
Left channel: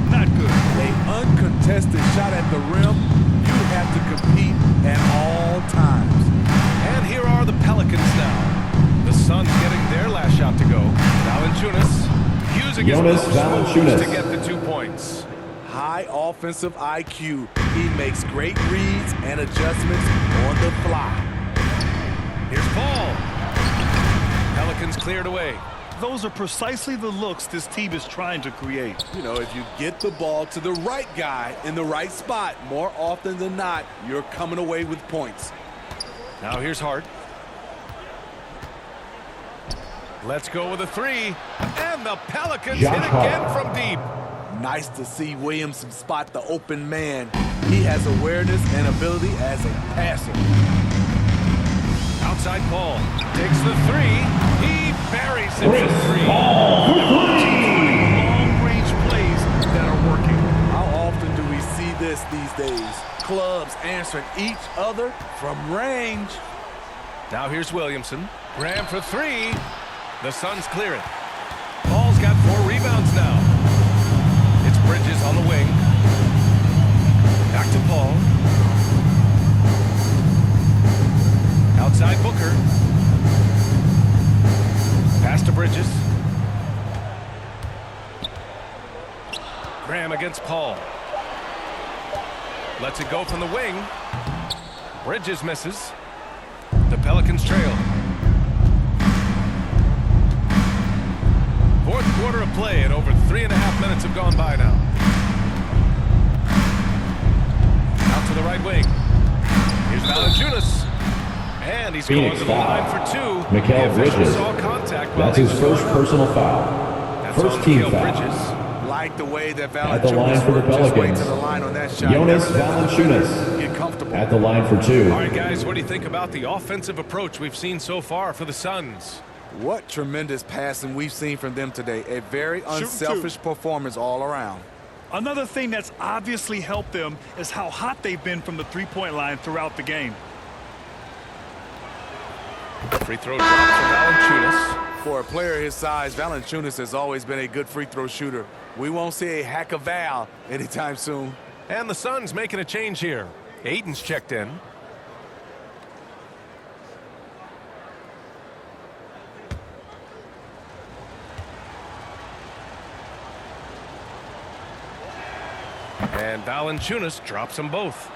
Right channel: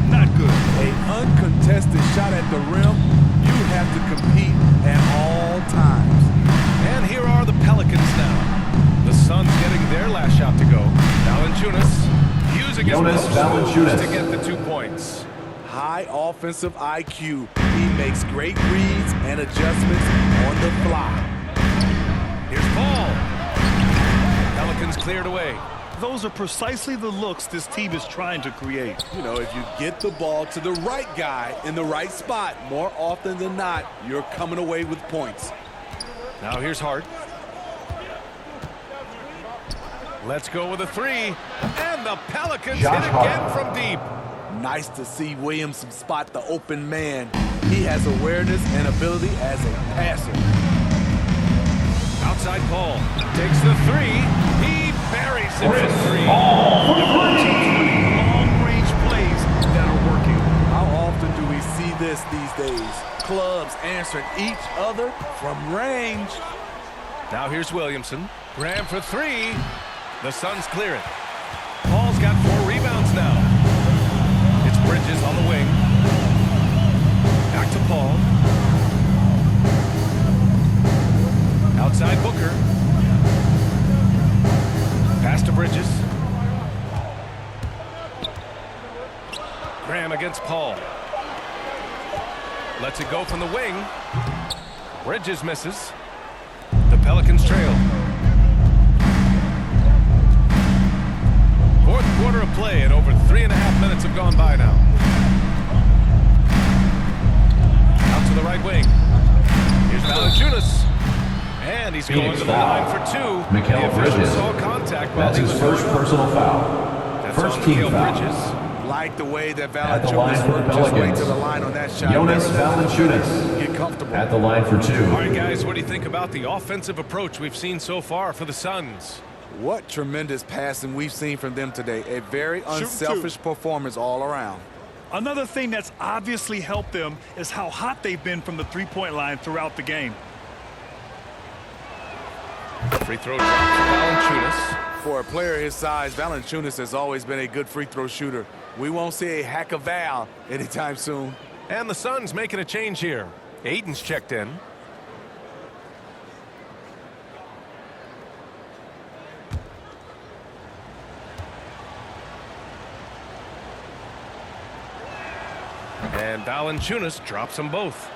Not good. A uncontested shot at the rim, you have to compete at all times. And here are the Pelicans now. The Suns getting their last shot to go. Valanciunas using his Jonas post moves Valanciunas to get the 2 points. High offensive IQ. He makes great reads and adjustments on the fly. Here's Paul. Pelicans cleared away. Those are precisely the looks this team is trying to create. You know, if you get the ball to the right guy in the right spot, more often than not, you're coming away with points. Now here's Hart. Let's go with a 3. And the Pelicans Josh hit again Hart. from deep. Nice to see Williamson spot the open man. He has awareness and ability as a passer. Outside Paul takes the 3. He buries it Chris from 3. Paul for Teams three. running long-range plays that are working. How often do we see this these days? Clubs answering each other from range. Now here's Williamson. Graham for 3. The Suns clear it. Paul's got 4 rebounds now. It's Bridges on the wing. Back to Paul. Outside Booker. Pass to Bridges. Graham against Paul. Lets it go from the wing. Bridges misses. The Pelicans trail. Fourth quarter of play and over 3.5 minutes have gone by now. Out to the right wing. Here's Valanciunas. And he's Phoenix going to the foul. line for 2. Mikal The official Bridges. saw contact while That's he his was first going up. personal foul. That's First on team Mikal foul. Bridges. Like the way that At the line Valanciunas for the worked his way Pelicans. to the line on that shot. Jonas Never let the defender Valanciunas get comfortable. at the line for 2. All right, guys, what do you think about the offensive approach we've seen so far for the Suns? What tremendous passing we've seen from them today. A very unselfish performance all around. Another thing that's obviously helped them is how hot they've been from the three-point line throughout the game. Free throw drops for Valanciunas. For a player his size, Valanciunas has always been a good free throw shooter. We won't see a hack of Val anytime soon. And the Suns making a change here. Aiden's checked in. And Valanciunas drops them both.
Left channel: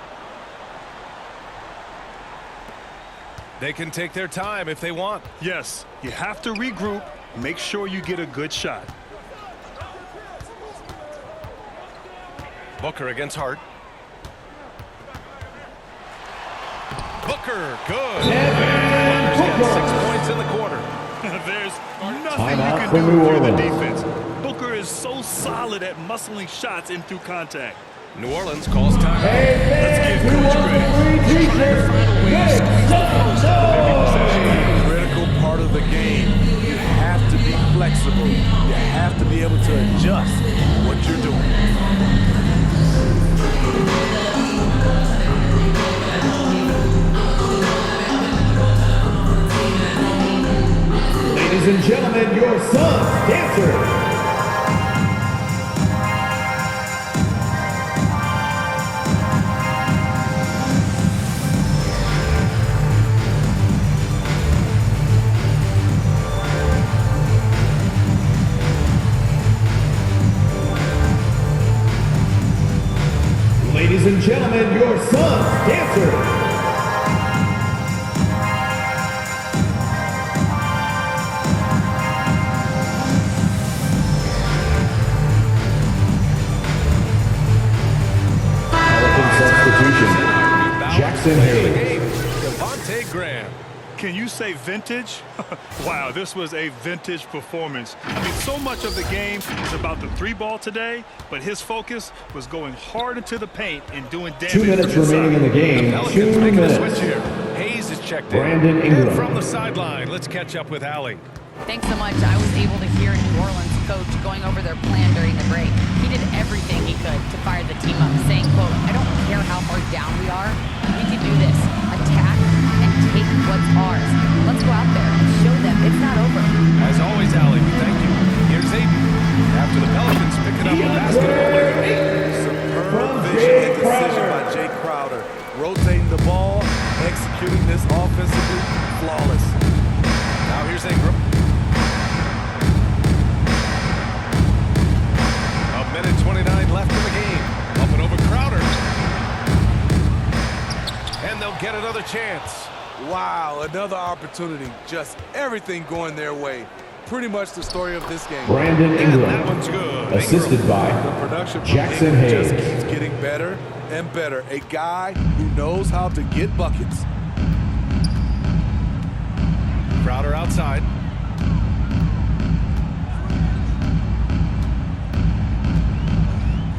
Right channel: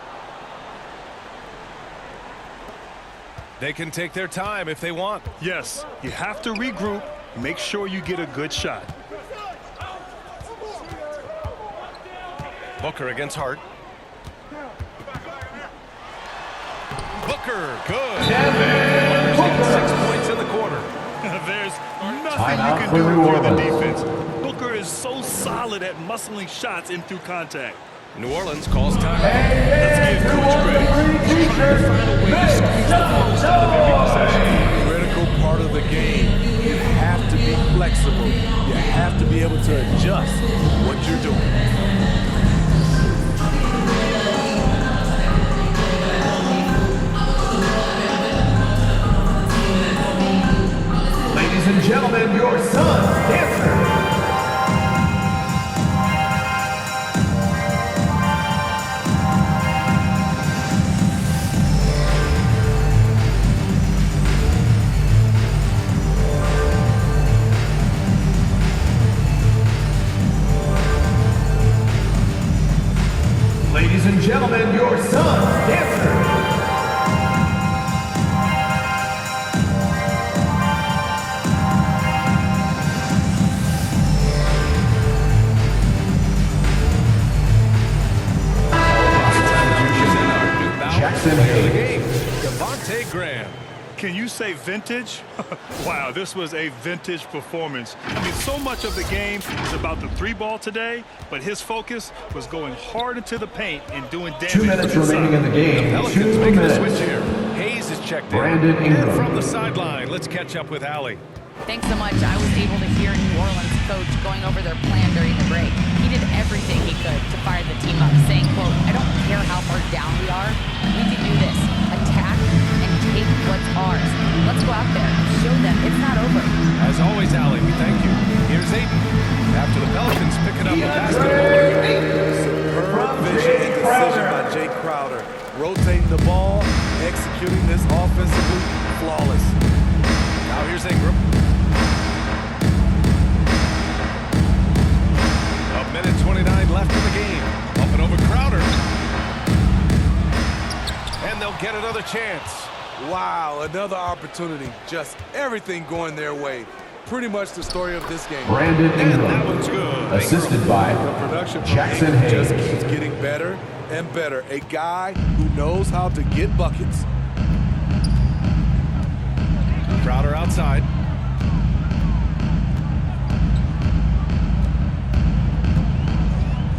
They can take their time if they want. Yes, you have to regroup, make sure you get a good shot. Booker against Hart. Booker, good. Booker's got 6 points in the quarter. There's nothing Timeout you can for do New if you're the Orleans. defense. Booker is so solid at muscling shots in through contact. New Orleans calls time. Let's give Coach credit. He's trying to find a way to squeeze the most out of every possession. Critical part of the game. You have to be flexible. You have to be able to adjust what you're doing. Ladies and gentlemen, your Suns dancer. Ladies and gentlemen, your Suns dancer. Jackson Player of the Hayes. game, Devontae Graham. Can you say vintage? Wow, this was a vintage performance. I mean, so much of the game is about the three ball today, but his focus was going hard into the paint and doing damage. 2 minutes from inside. remaining in the game. Pelicans 2 making a minutes. switch here. Hayes is checked in. Brandon Ingram. And from the sideline, let's catch up with Allie. Thanks so much. I was able to hear New Orleans coach going over their plan during the break. He did everything he could to fire the team up, saying, quote, "I don't care how far down we are. We can do this. Attack and take what's ours. Let's go out there and show them it's not over." As always, Allie, we thank you. Here's Aiden. After the Pelicans picking up a basket a moment ago. Superb vision and decision by Jay Crowder. Rotating the ball, executing this offensively flawless. Now here's Ingram. A minute 29 left in the game. Up and over Crowder. And they'll get another chance. Wow, another opportunity. Just everything going their way. Pretty much the story of this game. Brandon And Ingram, that one's good. assisted Ingram. by The production from Jackson Ingram Hayes. just keeps getting better and better. A guy who knows how to get buckets. Crowder outside.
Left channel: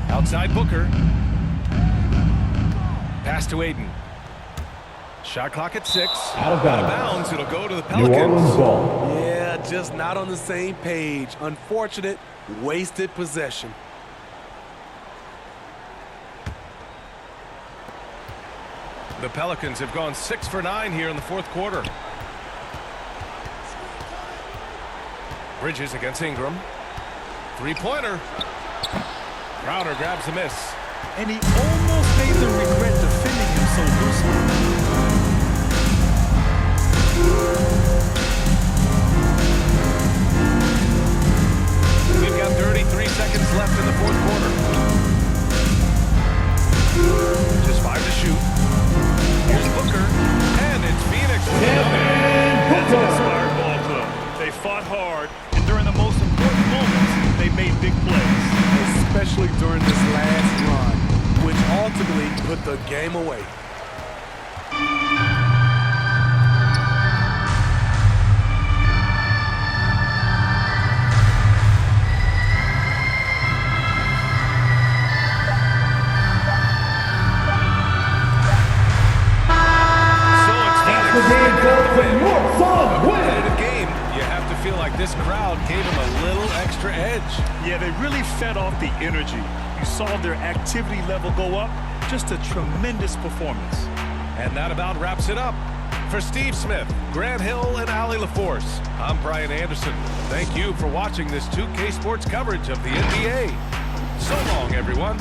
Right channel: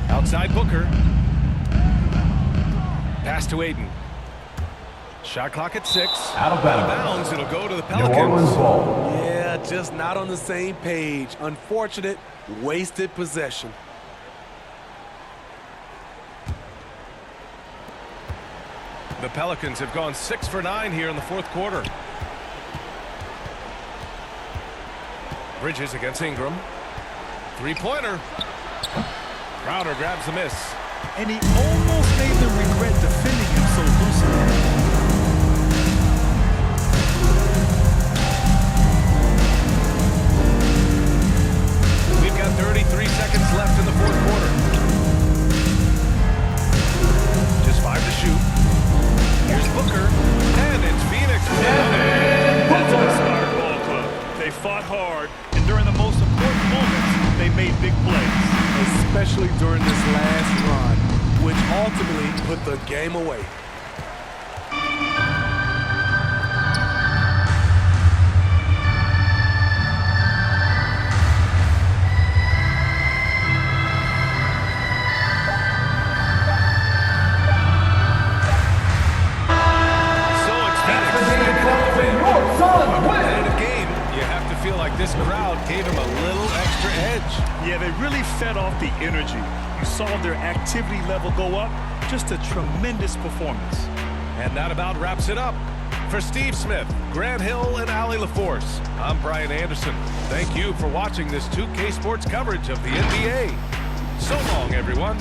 Outside Booker. Pass to Aiden. Shot clock at 6. Out of bounds. It'll go to the New Pelicans. Orleans ball. Yeah, just not on the same page. Unfortunate, wasted possession. The Pelicans have gone 6 for 9 here in the fourth quarter. Bridges against Ingram. Three-pointer. Crowder grabs the miss. And he almost made them regret defending him so loosely. We've got 33 seconds left in the fourth quarter. Just 5 to shoot. Here's Booker. And it's Phoenix with another. That's an inspired ball club. They fought hard, and during the most important moments, they made big plays. Especially during this last run, which ultimately put the game away. Competitive game. You have to feel like this crowd gave him a little extra edge. Yeah, they really fed off the energy. You saw their activity level go up. Just a tremendous performance. And that about wraps it up. For Steve Smith, Grant Hill, and Allie LaForce, I'm Brian Anderson. Thank you for watching this 2K Sports coverage of the NBA. So long, everyone.